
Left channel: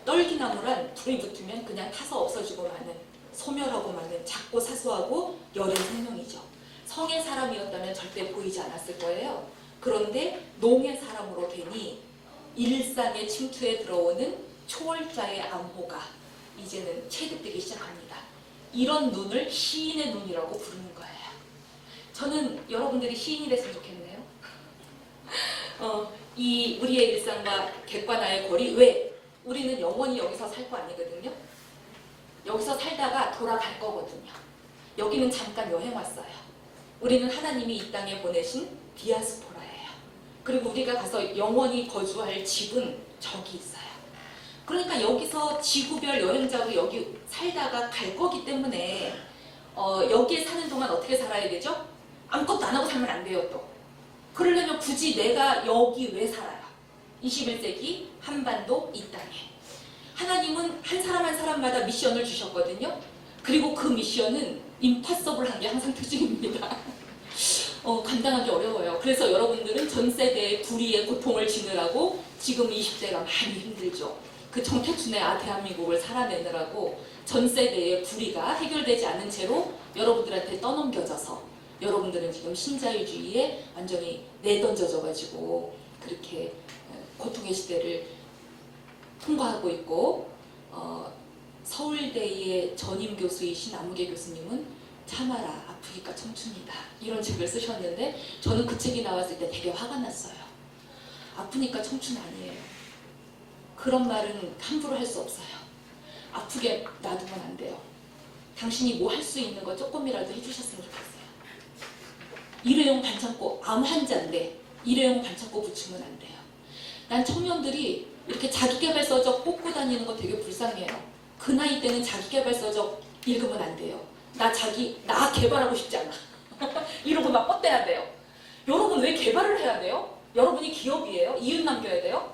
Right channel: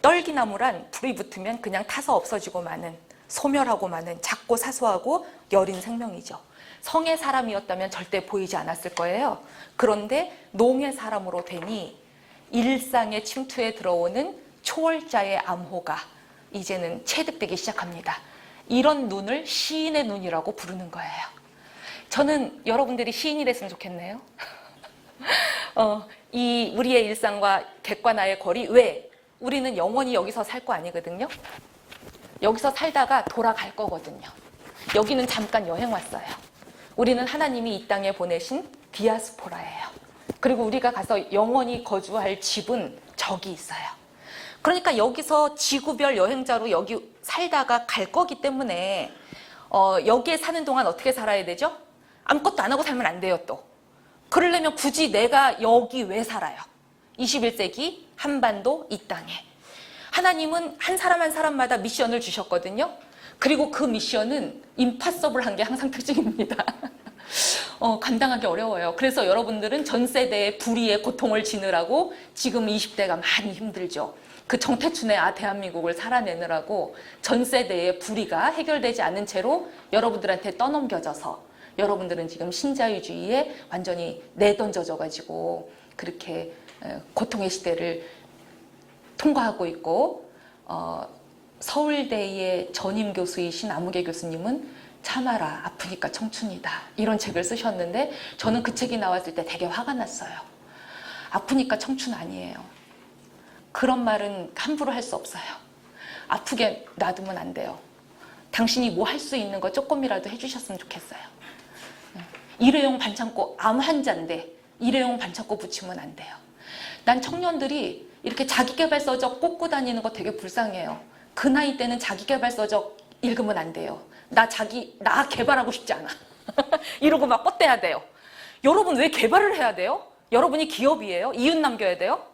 떨기나무란 불이 붙으면 그냥 타서 없어지고 마는, 소멸하고 마는 작고 사소하고 여린 생명이죠. 성의 사람이었다면 절대 보이지 않았을 거예요. 그런데 농의 사람으로 되니 일상의 침투에 들어오는 초월자의 암호가 이제는 체득되기 시작합니다. 이런 눈을 시인의 눈이라고 부르는 거예요. 저는 여러분들이 시인이 됐으면 좋겠네요. 이 우리의 일상과 객과 나의 거리, 왜? 우리는 영원히 여기서 살 거 아니거든요. 여기서 살다가 돌아갈 거거든요. 여기는 잠깐 여행 왔어요. 우리는 하나님이 이 땅에 보내신 디아스포라예요. 그리고 우리가 가서 영원히 거주할 집은 저기 있어요. 그러니까 여기서 지구별 여행자로 여기 살다가 갈 거기 때문에 여기에 사는 동안 어떻게 살아야 되죠? 아무것도 안 하고 살면 안 돼요 또. 그러려면 굳이 내가 여기 왜 살아요? 21세기 한반도 이 땅에. 하나님은 한 사람 한 사람마다 미션을 주셨거든요. 그리고 그 미션은 임파서블한 게 항상 특징입니다. 감당하기 어려워요. 그래서 여러분들은 전 세대의 불의의 고통을 지느라고 지금 20대가 많이 힘들죠. 그 정태춘의 대한민국을 살아내느라고 전 세대의 불의가 해결되지 않은 채로 여러분들한테 떠넘겨져서 여러분들은 지금 신자유주의에 완전히 내던져져 가지고 그렇게 고통의 시대를 통과하고 있고, 서울대의 전임 교수이신 아무개 교수님은 참아라 아프니까 청춘이다 이런 책을 쓰셨는데 저는 그 책이 나왔을 때 되게 화가 났어요. 아프니까 청춘 아니에요. 그런 말은 함부로 할 수 없어요. 아프게 놔두면 안 돼요. 당신이 뭐 할 수 있는 거 조금이라도 해주셨으면 좋겠어요. 일회용 반창고, 암 환자인데 일회용 반창고 붙이면 안 돼요. 난 청년들이 이렇게 자기계발서적 뽑고 다니는 거 되게 불쌍해요. 그 나이 때는 자기계발서적 읽으면 안 돼요. 나 개발하고 싶지 않아. 이러고 막 뻗대야 돼요. 여러분 왜 개발을 해야 돼요? 여러분이 기업이에요? 이웃 남겨야 돼요?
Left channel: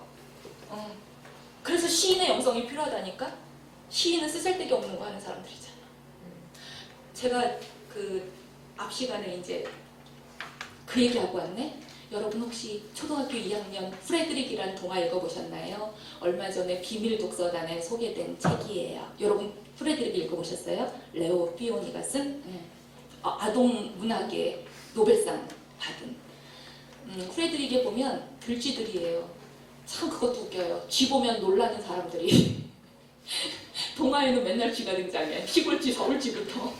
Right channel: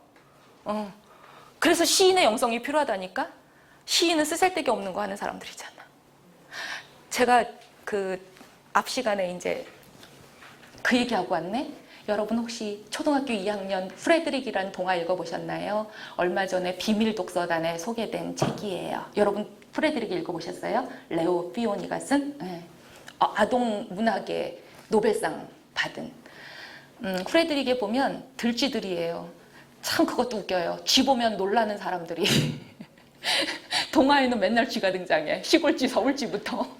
그래서 시인의 영성이 필요하다니까? 시인은 쓰잘데기 없는 거 하는 사람들이잖아. 제가 앞 시간에 이제 그 얘기하고 왔네? 여러분 혹시 초등학교 2학년 프레드릭이라는 동화 읽어보셨나요? 얼마 전에 비밀 독서단에 소개된 책이에요. 여러분 프레드릭 읽어보셨어요? 레오 피오니가 쓴? 네. 아동 문학의 노벨상 받은. 프레드릭에 보면 들쥐들이에요. 참 그것도 웃겨요. 쥐 보면 놀라는 사람들이. 동화에는 맨날 쥐가 등장해. 시골쥐, 서울쥐부터.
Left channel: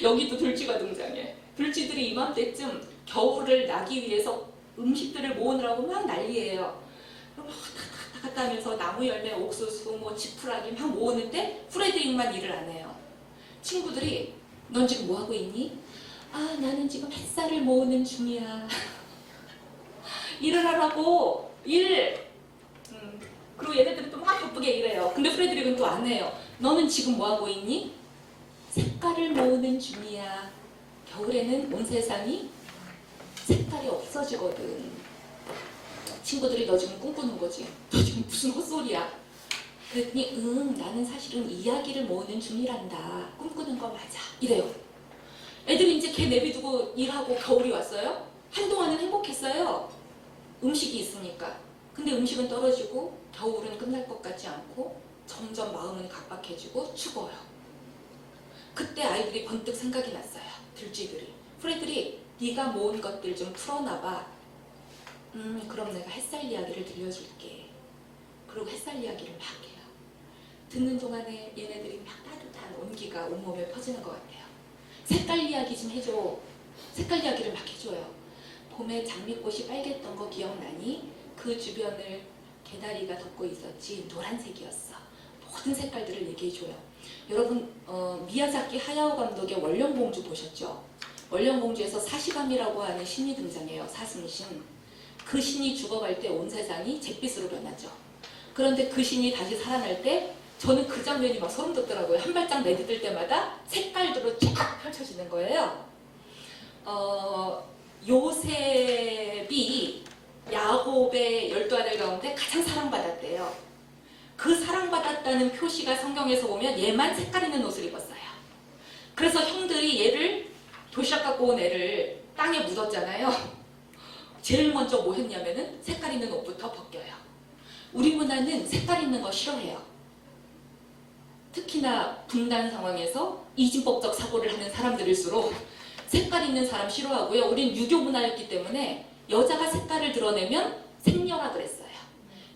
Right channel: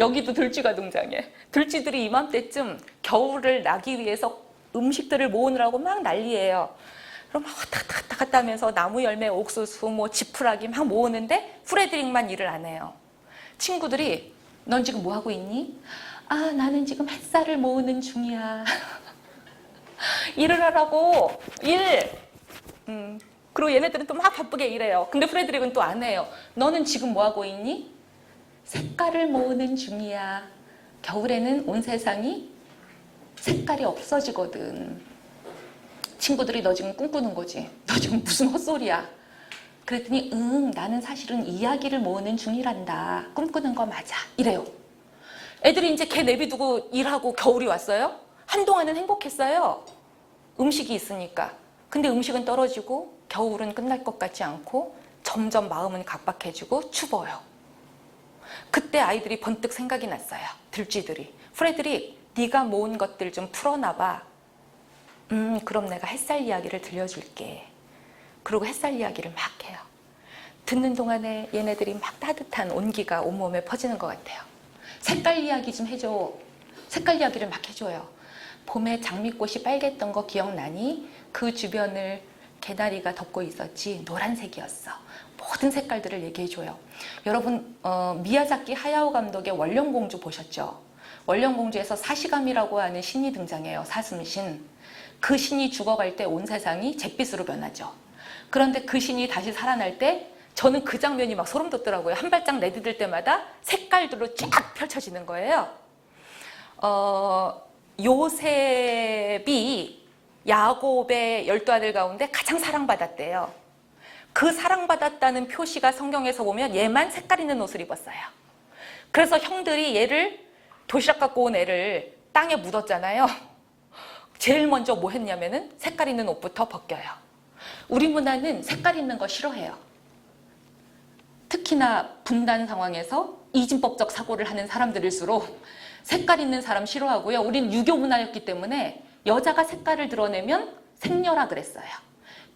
여기도 들쥐가 등장해. 들쥐들이 이맘때쯤 겨울을 나기 위해서 음식들을 모으느라고 막 난리예요. 그럼 막 왔다 갔다 하면서 나무 열매, 옥수수, 지푸라기 막 모으는데 프레드릭만 일을 안 해요. 친구들이 넌 지금 뭐 하고 있니? 나는 지금 햇살을 모으는 중이야. 일을 하라고 일. 그리고 얘네들은 또 막 바쁘게 일해요. 근데 프레드릭은 또 안 해요. 너는 지금 뭐 하고 있니? 색깔을 모으는 중이야. 겨울에는 온 세상이 색깔이 없어지거든. 친구들이 너 지금 꿈꾸는 거지. 너 지금 무슨 헛소리야. 그랬더니 나는 사실은 이야기를 모으는 중이란다. 꿈꾸는 거 맞아. 이래요. 애들이 이제 걔 내비두고 일하고 겨울이 왔어요. 한동안은 행복했어요. 음식이 있으니까. 근데 음식은 떨어지고 겨울은 끝날 것 같지 않고 점점 마음은 각박해지고 추워요. 그때 아이들이 번뜩 생각이 났어요. 들쥐들이. 프레드릭 네가 모은 것들 좀 풀어놔봐. 그럼 내가 햇살 이야기를 들려줄게. 그리고 햇살 이야기를 막 해요. 듣는 동안에 얘네들이 막 따뜻한 온기가 온몸에 퍼지는 것 같아요. 색깔 이야기 좀 해줘. 색깔 이야기를 막 해줘요. 봄에 장미꽃이 빨갰던 거 기억나니? 그 주변을 개나리가 덮고 있었지. 노란색이었어. 모든 색깔들을 얘기해줘요. 여러분 미야자키 하야오 감독의 원령공주 보셨죠? 원령공주에서 사시감이라고 하는 신이 등장해요. 사슴신. 그 신이 죽어갈 때 온 세상이 잿빛으로 변하죠. 그런데 그 신이 다시 살아날 때 저는 그 장면이 막 소름 돋더라고요. 한 발짝 내디딜 때마다 색깔들로 쫙 펼쳐지는 거예요. 요셉이 야곱의 12아들 가운데 가장 사랑받았대요. 그 사랑받았다는 표시가 성경에서 보면 얘만 색깔 있는 옷을 입었어요. 그래서 형들이 얘를 도시락 갖고 온 애를 땅에 묻었잖아요. 제일 먼저 뭐 했냐면은 색깔 있는 옷부터 벗겨요. 우리 문화는 색깔 있는 거 싫어해요. 특히나 분단 상황에서 이진법적 사고를 하는 사람들일수록 색깔 있는 사람 싫어하고요. 우린 유교 문화였기 때문에 여자가 색깔을 드러내면 생녀라 그랬어요.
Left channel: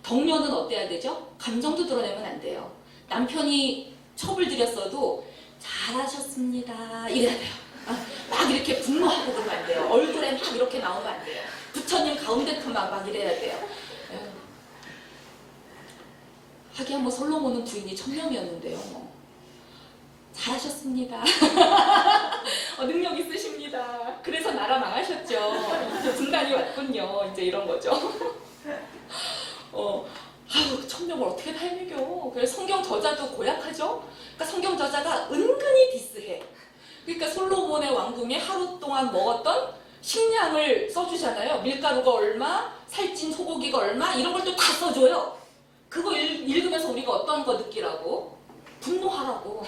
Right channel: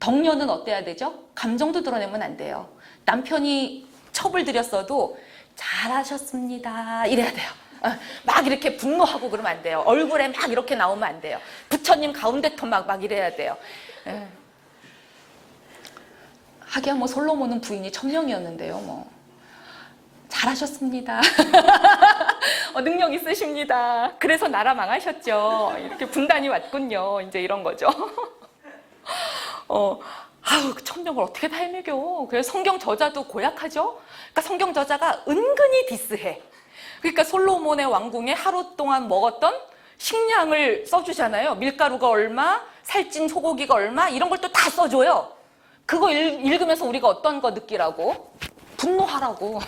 덕녀는 어때야 되죠? 감정도 드러내면 안 돼요. 남편이 첩을 들였어도 잘하셨습니다 이래야 돼요. 막 이렇게 분노하고 그러면 안 돼요. 얼굴에 막 이렇게 나오면 안 돼요. 부처님 가운데 막 이래야 돼요. 하기야 솔로몬은 부인이 1000명이었는데요. 잘하셨습니다. 능력 있으십니다. 그래서 나라 망하셨죠. 이렇게 분단이 왔군요. 이제 이런 거죠. 아우, 청명을 어떻게 다 헤매겨. 그래서 성경 저자도 고약하죠. 그러니까 성경 저자가 은근히 디스해. 그러니까 솔로몬의 왕궁에 하루 동안 먹었던 식량을 써주잖아요. 밀가루가 얼마, 살찐 소고기가 얼마, 이런 걸 또 다 써줘요. 그거 읽으면서 우리가 어떤 거 느끼라고? 분노하라고.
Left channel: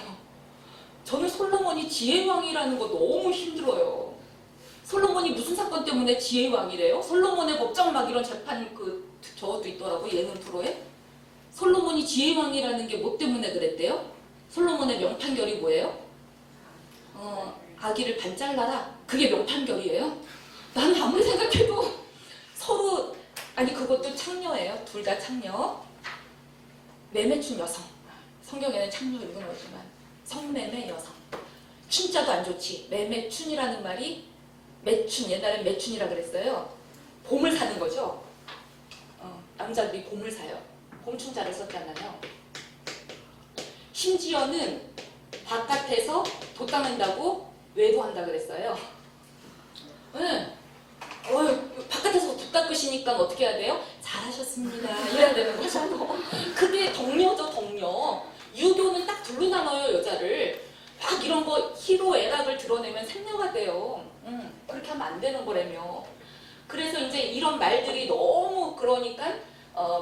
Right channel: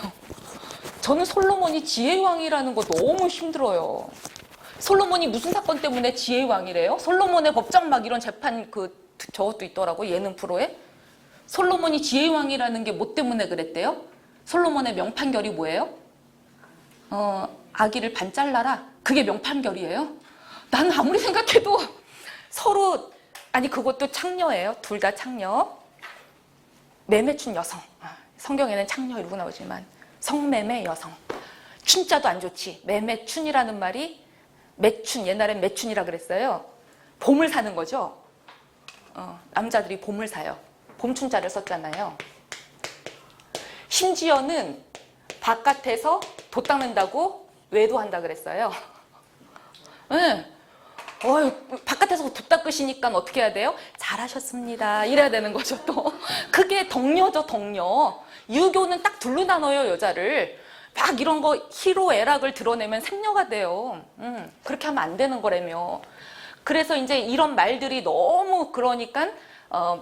저는 솔로몬이 지혜왕이라는 거 너무 힘들어요. 솔로몬이 무슨 사건 때문에 지혜왕이래요? 솔로몬의 법정 막 이런 재판 저것도 있더라고, 예능 프로에. 솔로몬이 지혜왕이라는 게 뭐 때문에 그랬대요? 솔로몬의 명판결이 뭐예요? 아기를 반 잘라라. 그게 명판결이에요? 나는 아무리 생각해도 서로, 아니 그것도 창녀예요. 둘 다 창녀. 매매춘 여성. 성경에는 창녀 이러고 나오지만 성매매 여성. 춘자도 안 좋지. 매매춘이라는 말이 매춘, 옛날엔 매춘이라 그랬어요. 봄을 사는 거죠. 남자들이 봄을 사요. 봄춘자를 썼잖아요. 심지어는 바깥에서 돛 닦는다고 외도한다 그랬어요. 바깥에서 돛 닦으시니까 어떻게 해야 돼요? 잘하셨습니다. 이래야 되는 거죠 또. 그게 덕녀죠, 덕녀. 유교는 딱 둘로 나눠요, 여자를. 막 이런 거 희로애락을 드러내면 생녀가 돼요. 그렇게 하면 안 되는 거라며. 그래서 이제 이런 말들이 너무 그러니까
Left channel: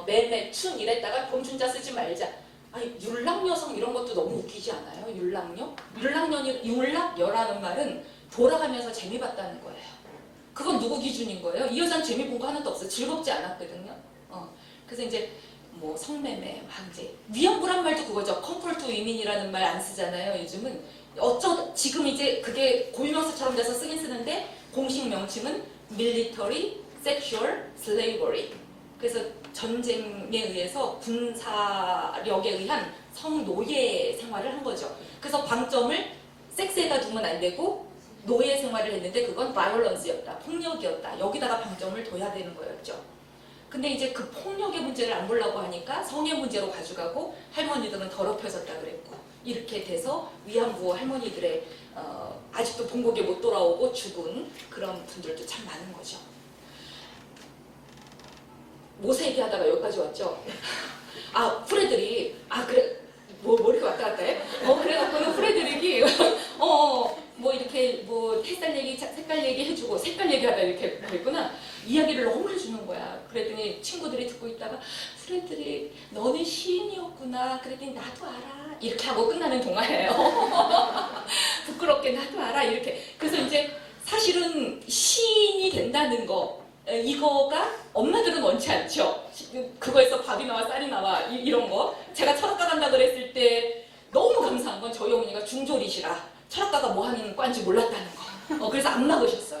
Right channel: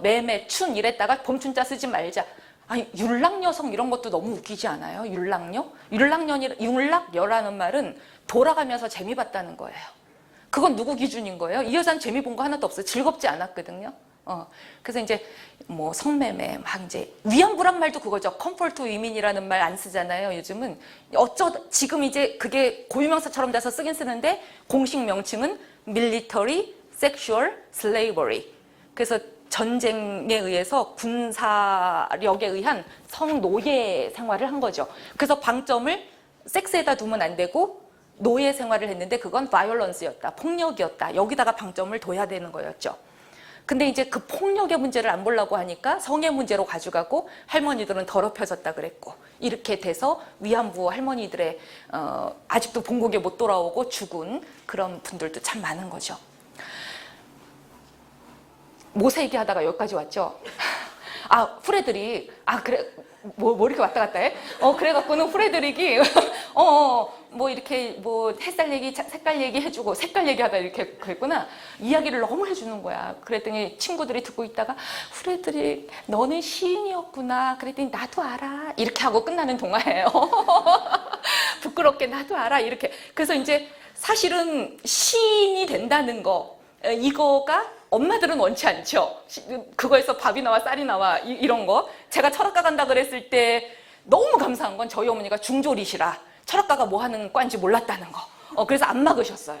매매, 춘 이랬다가 봄춘자 쓰지 말자. 아니 율락여성 이런 것도 너무 웃기지 않아요? 율락녀? 율락여라는 말은 돌아가면서 재미 봤다는 거예요. 그건 누구 기준인 거예요? 이 여자는 재미 본 거 하나도 없어요. 즐겁지 않았거든요. 그래서 이제 뭐 성매매 막 이제 위안부란 말도 그거죠. 컴포트 위민이라는 말 안 쓰잖아요. 요즘은 지금 이제 그게 고유명사처럼 돼서 쓰긴 쓰는데 공식 명칭은 military sexual slavery. 그래서 전쟁에 의해서 군사력에 의한 성노예 생활을 한 거죠. 그래서 방점을 섹스에다 두면 안 되고 노예 생활을 했는데 그건 바이올런스였다. 폭력이었다. 여기다가 방점을 둬야 되는 거였죠. 근데 이제 그 폭력의 문제를 안 보려고 하니까 성의 문제로 가져가고 할머니들은 더럽혀졌다 그랬고 이렇게 돼서 위안부 할머니들의 아직도 본국에 못 돌아오고 죽은 그런 분들도 참 많은 거죠. 모세 얘기하다가 여기까지 왔죠. 프레드릭. 그래. 뭐 이렇게 왔다 갔다 해? 그래갖고는 프레드릭이 뭐 이렇게 뭐 햇살 얘기, 색깔 얘기 해주고 색깔 얘기하다 이렇게 그랬구나. 이야기를 너무 해주는 거야. 그랬더니 친구들이 듣고 있다가 프레드릭 너는 시인이었구나. 그랬더니 나도 알아. 이렇게 하고 끝나는 동화예요. 부끄럽게 나도 알아. 이렇게. 그래서 이제 사실은 시인이 된다는 거 이거가 엄마들은 원치 않죠. 그거에서 밥이 나와 쌀이 나와 이런 거. 제가 철학과 간다 그랬을 때 너무 감사한 건 저희 어머니가 중졸이시라 철학과가 뭐 하는 과인지 몰랐다는 거. 그래서 안 막으셨어요.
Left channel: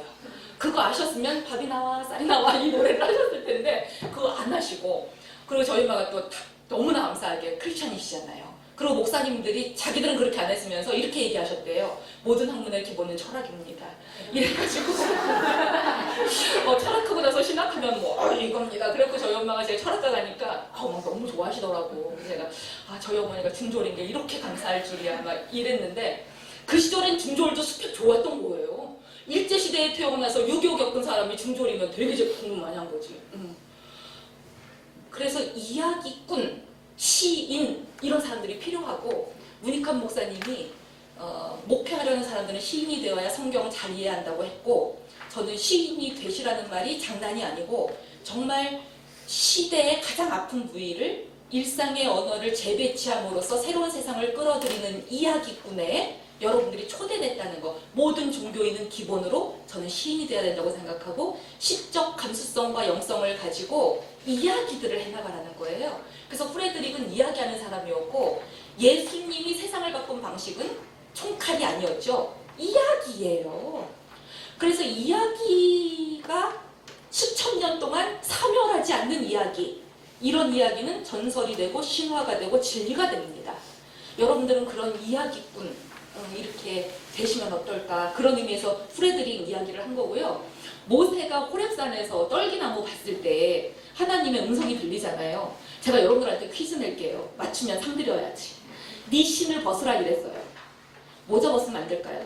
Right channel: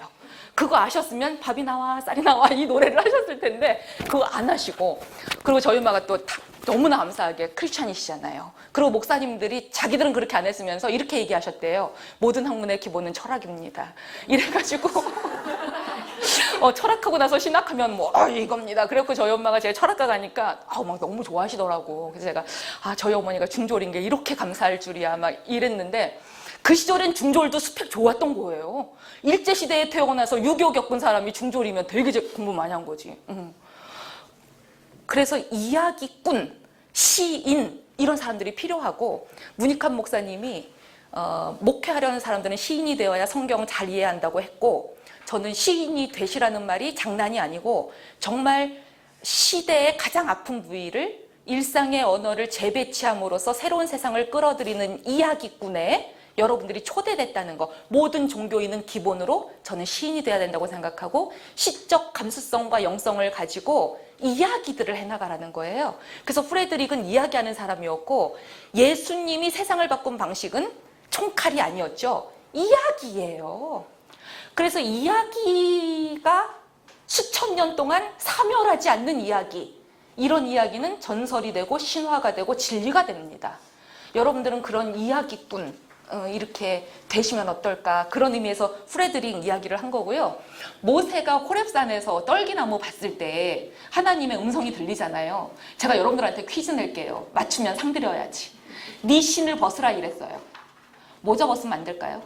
그거 아셨으면 밥이 나와 쌀이 나와 이 노래를 하셨을 텐데 그거 안 하시고. 그리고 저희 엄마가 또 너무나 감사하게 크리스찬이시잖아요. 그리고 목사님들이 자기들은 그렇게 안 했으면서 이렇게 얘기하셨대요. 모든 학문의 기본은 철학입니다. 이래가지고 철학하고 나서 신학하면 이겁니다. 그래갖고 저희 엄마가 제가 철학과 가니까 막 너무 좋아하시더라고. 그래서 제가 저희 어머니가 중졸인 게 이렇게 감사할 줄이야 막 이랬는데 그 시절엔 중졸도 스펙 좋았던 거예요. 일제시대에 태어나서 유교 겪은 사람이 중졸이면 되게 공부 많이 한 거지. 그래서 이야기꾼, 시인 이런 사람들이 필요하고 문익환 목사님이 목회하려는 사람들은 시인이 되어야 성경을 잘 이해한다고 했고 저는 시인이 되시라는 말이 장난이 아니고 정말 시대의 가장 아픈 부위를 일상의 언어를 재배치함으로써 새로운 세상을 끌어들이는 이야기꾼에 여러분들이 초대됐다는 거. 모든 종교인은 기본으로 저는 시인이 돼야 된다고 생각하고 시적 감수성과 영성을 가지고 이야기들을 해나가라는 거예요. 그래서 프레드릭은 이야기하는 사람이었고 예수님이 세상을 바꾼 방식은 총칼이 아니었죠. 이야기예요. 그래서 이야기가 수천 년 동안 사멸하지 않는 이야기. 이런 이야기는 전설이 되고 신화가 되고 진리가 됩니다. 여러분들은 그런 이야기꾼 이렇게 되시면 어떨까 그런 의미에서 프레드릭 이야기를 한 거고요. 모세가 호렙산에서 떨기나무 봤을 때 하나님의 음성이 들리잖아요. 제가 여러분들한테 퀴즈 낼게요. 맞추면 상 드려야지. 네 신을 벗으라 이랬어요. 모자 벗으면 안 될까요?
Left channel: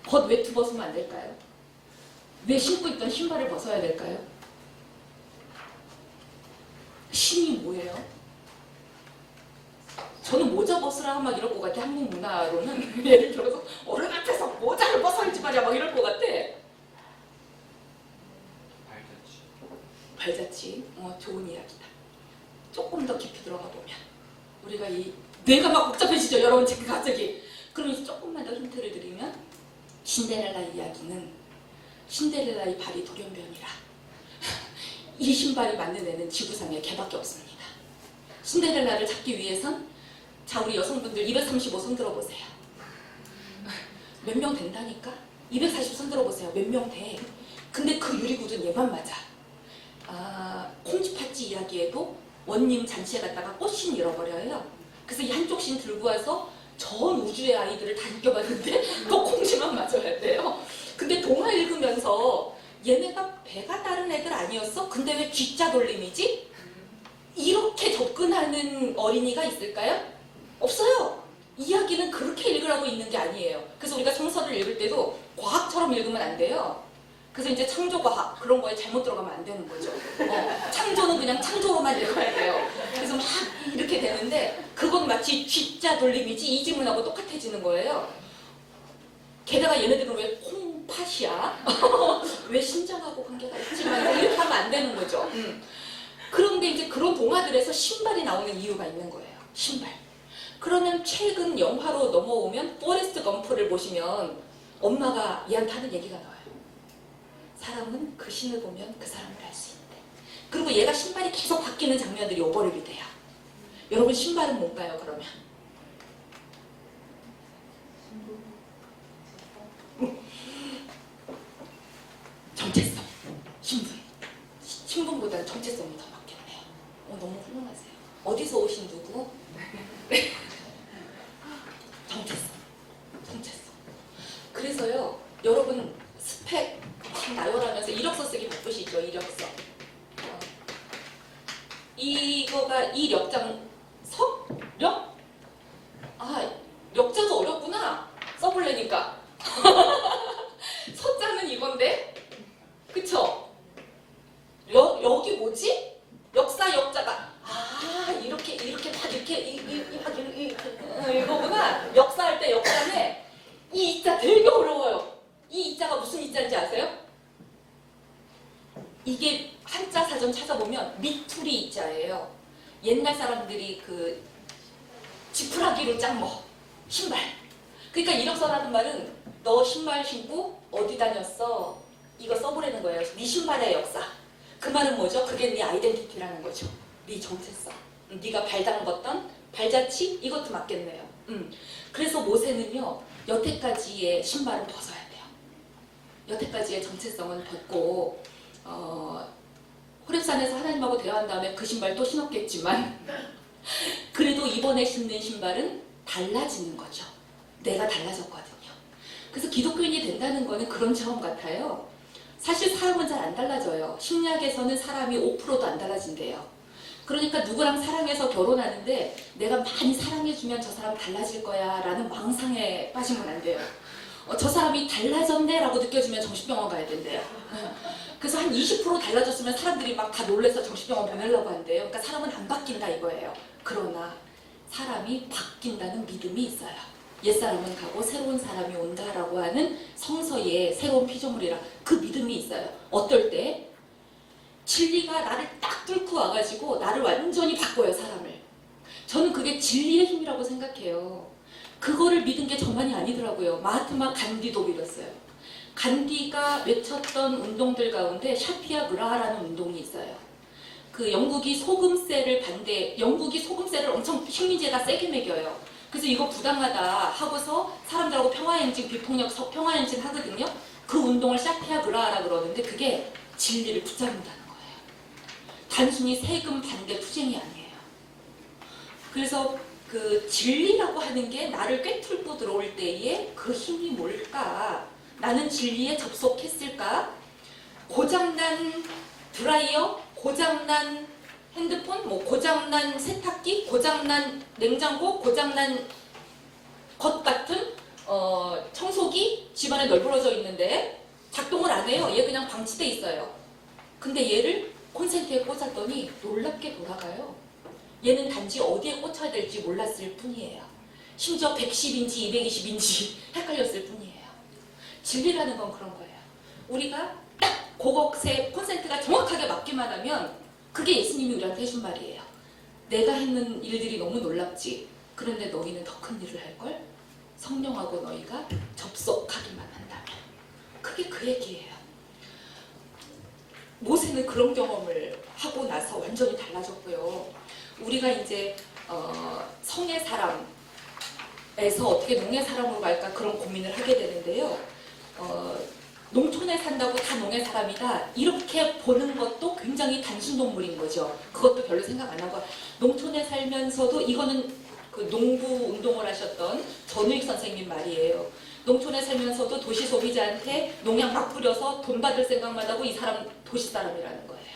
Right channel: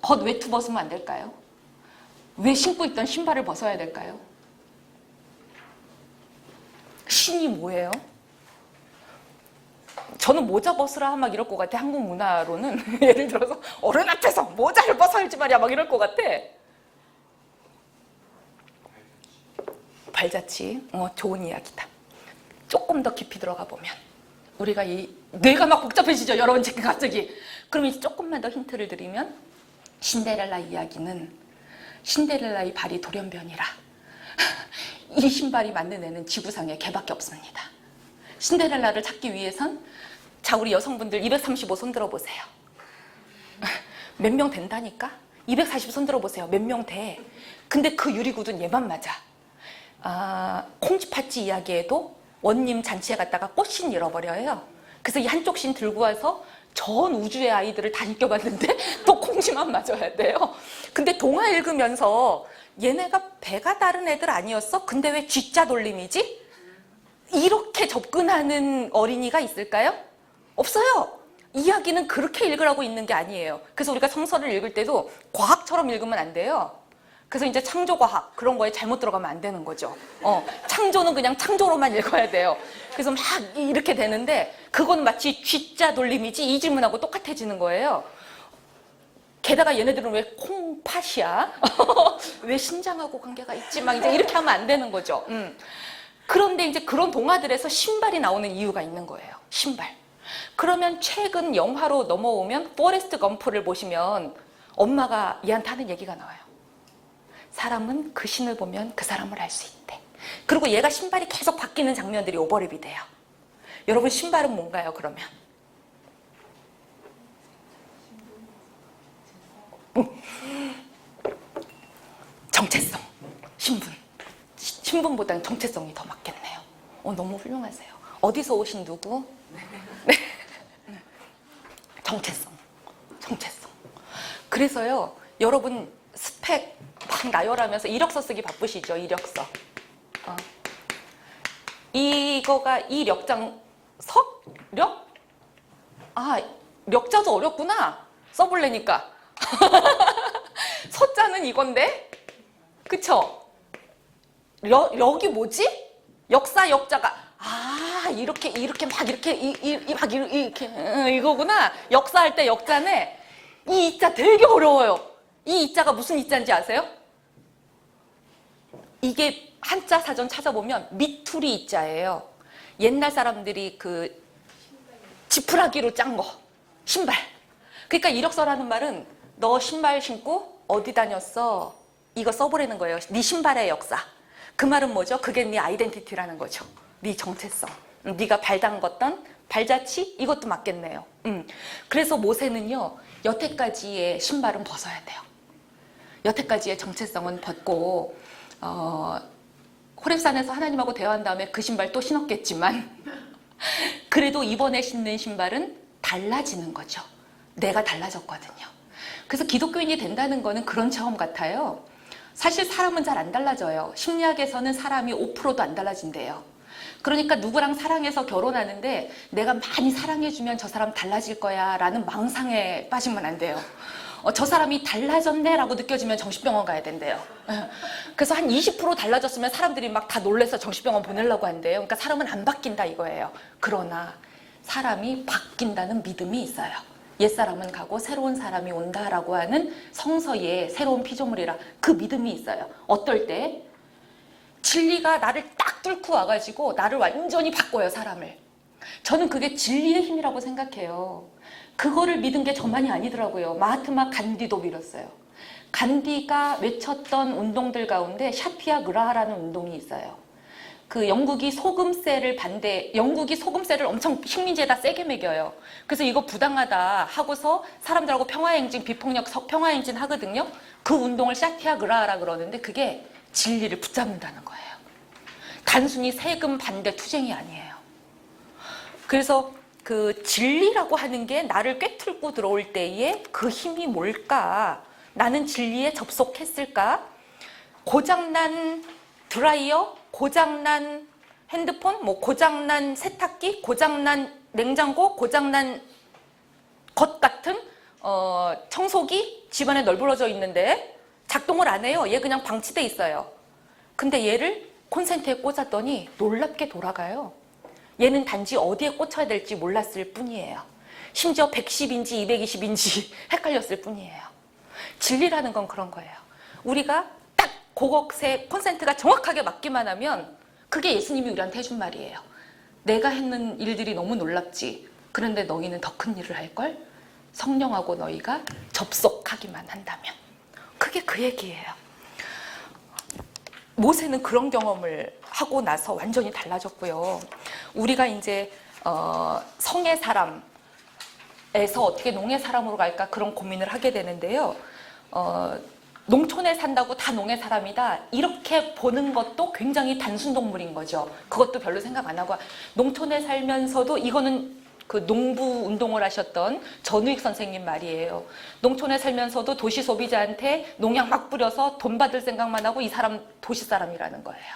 겉 외투 벗으면 안 될까요? 왜 신고 있던 신발을 벗어야 될까요? 신이 뭐예요? 저는 모자 벗으라 막 이럴 것 같아. 한국 문화로는 예를 들어서 어른 앞에서 모자를 벗어야지 말이야 막 이럴 것 같아. 발자취. 좋은 이야기다. 조금 더 깊이 들어가 보면 우리가 이 뇌가 막 복잡해지죠. 여러분 지금 갑자기. 그럼 이제 조금만 더 힌트를 드리면 신데렐라 이야기는 신데렐라의 발이 돌연변이라 이 신발이 맞는 애는 지구상에 걔밖에 없습니다. 신데렐라를 찾기 위해선 자 우리 여성분들 235 손 들어보세요. 몇 명 된다니까? 240 손 들어보세요. 몇 명 돼? 근데 그 유리구두는 얘만 맞아. 콩쥐팥쥐 이야기에도 원님 잔치에 갔다가 꽃신 잃어버려요. 그래서 이 한쪽 신 들고 와서 전 우주의 아이들을 다 느껴봤는데 또 콩쥐만 맞아야 돼요. 근데 동화 읽으면서 얘네가 배가 다른 애들 아니었어? 근데 왜 쥐자 돌림이지? 이렇게 접근하는 어린이가 있을까요? 없어요. 이야기는 그렇게 읽으라고 있는 게 아니에요. 그래서 우리가 성서를 읽을 때도 과학처럼 읽으면 안 돼요. 그래서 이제 창조과학 그런 거에 잘못 들어가면 안 되는 거죠. 창조는 그냥 창조로만 읽어야 돼요. 그래서 막 이렇게 되는데 그건 마치 쥐자 돌림이지 이 질문하고 똑같아지는 거예요. 게다가 얘네들은 왜 콩팥이야? 왜 신장하고 관계가 있지? 막 이렇게 하면 안 되는 거죠. 그런데 이제 그런 동화들에서 신발이 나오는 이유가 있는 거예요. 신발. 그러면 최근 영화로 넘어오면 포레스트 검프를 보시면 엄마가 얘한테 하는 얘기가 나와요. 사람은 그 신을 보면 그 사람을 알 수 있대. 그리고 얘가 신발이 계속 바뀌는 장면들이 오버랩이 돼요. 여러분 신발은 뭔가요 그러면? 정체성. 신분보다는 정체성이 더 맞겠네요. 너무 훌륭하세요. 어디서 오신 누구? 네. 정체성. 그래서요 여러분 스펙 막 나열하면서 이력서 쓰기 바쁘시죠? 이력서. 이거가 이력장 력? 력자도 어렵구나. 써볼래니까. 서자는 이건데? 그쵸? 력이 뭐지? 역사 역자가 이렇게 막 이렇게 이거구나. 역사할 때 역자네. 이 이자 되게 어려워요. 이 이자가 무슨 이자인지 아세요? 이게 한자 사전 찾아보면 미투리 이자예요. 옛날 사람들이 그 지푸라기로 짠 거. 신발. 그러니까 이력서라는 말은 너 신발 신고 어디 다녔어? 이거 써보라는 거예요. 네 신발의 역사. 그 말은 뭐죠? 그게 네 아이덴티티라는 거죠. 네 정체성. 네가 발 담궜던 발자취? 이것도 맞겠네요. 그래서 모세는요. 여태까지의 신발은 벗어야 돼요. 여태까지의 정체성은 벗고 호렙산에서 하나님하고 대화한 다음에 그 신발 또 신었겠지만 그래도 이번에 신는 신발은 달라지는 거죠. 내가 달라졌거든요. 그래서 기독교인이 된다는 거는 그런 체험 같아요. 사실 사람은 잘 안 달라져요. 심리학에서는 사람이 5%도 안 달라진대요. 그러니까 누구랑 사랑해서 결혼하는데 내가 많이 사랑해주면 저 사람 달라질 거야 라는 망상에 빠지면 안 돼요. 저 사람이 달라졌네 라고 느껴지면 정신병원 가야 된대요. 그래서 한 20% 달라졌으면 사람들이 막 다 놀래서 정신병원 보내려고 한대요. 그러니까 사람은 안 바뀐다 이거예요. 그러나 사람이 바뀐다는 믿음이 있어요. 옛사람은 가고 새로운 사람이 온다라고 하는 성서의 새로운 피조물이라 그 믿음이 있어요. 어떨 때? 진리가 나를 딱 뚫고 와가지고 나를 완전히 바꿔요, 사람을. 저는 그게 진리의 힘이라고 생각해요. 그거를 믿은 게 저만이 아니더라고요. 마하트마 간디도 믿었어요. 간디가 외쳤던 운동들 가운데 샤피아 그라하라는 운동이 있어요. 그 영국이 소금세를 엄청 식민지에다 세게 매겨요. 그래서 이거 부당하다 하고서 사람들하고 평화행진, 비폭력 평화행진 하거든요. 그 운동을 샤피아 그라하라 그러는데 그게 진리를 붙잡는다는 거예요. 단순히 세금 반대 투쟁이 아니에요. 그래서 그 진리라고 하는 게 나를 꿰뚫고 들어올 때에 그 힘이 뭘까? 나는 진리에 접속했을까? 고장난 드라이어, 고장난 핸드폰, 고장난 세탁기, 고장난 냉장고, 고장난 것 같은 청소기 집안에 널브러져 있는데 작동을 안 해요. 얘 그냥 방치돼 있어요. 근데 얘를 콘센트에 꽂았더니 놀랍게 돌아가요. 얘는 단지 어디에 꽂혀야 될지 몰랐을 뿐이에요. 심지어 110인지 220인지 헷갈렸을 뿐이에요. 진리라는 건 그런 거예요. 우리가 딱 그것에 콘센트가 정확하게 맞기만 하면 그게 예수님이 우리한테 해준 말이에요. 내가 했는 일들이 너무 놀랍지. 그런데 너희는 더 큰 일을 할걸? 성령하고 너희가 접속하기만 한다면. 그게 그 얘기예요. 모세는 그런 경험을 하고 나서 완전히 달라졌고요. 우리가 이제 성의 사람에서 어떻게 농의 사람으로 갈까 그런 고민을 하게 되는데요. 농촌에 산다고 다 농의 사람이다 이렇게 보는 것도 굉장히 단순 동물인 거죠. 그것도 별로 생각 안 하고 농촌에 살면서도 이거는 그 농부 운동을 하셨던 전우익 선생님 말이에요. 농촌에 살면서도 도시 소비자한테 농약 막 뿌려서 돈 받을 생각만 하고 이 사람 도시 사람이라는 거예요.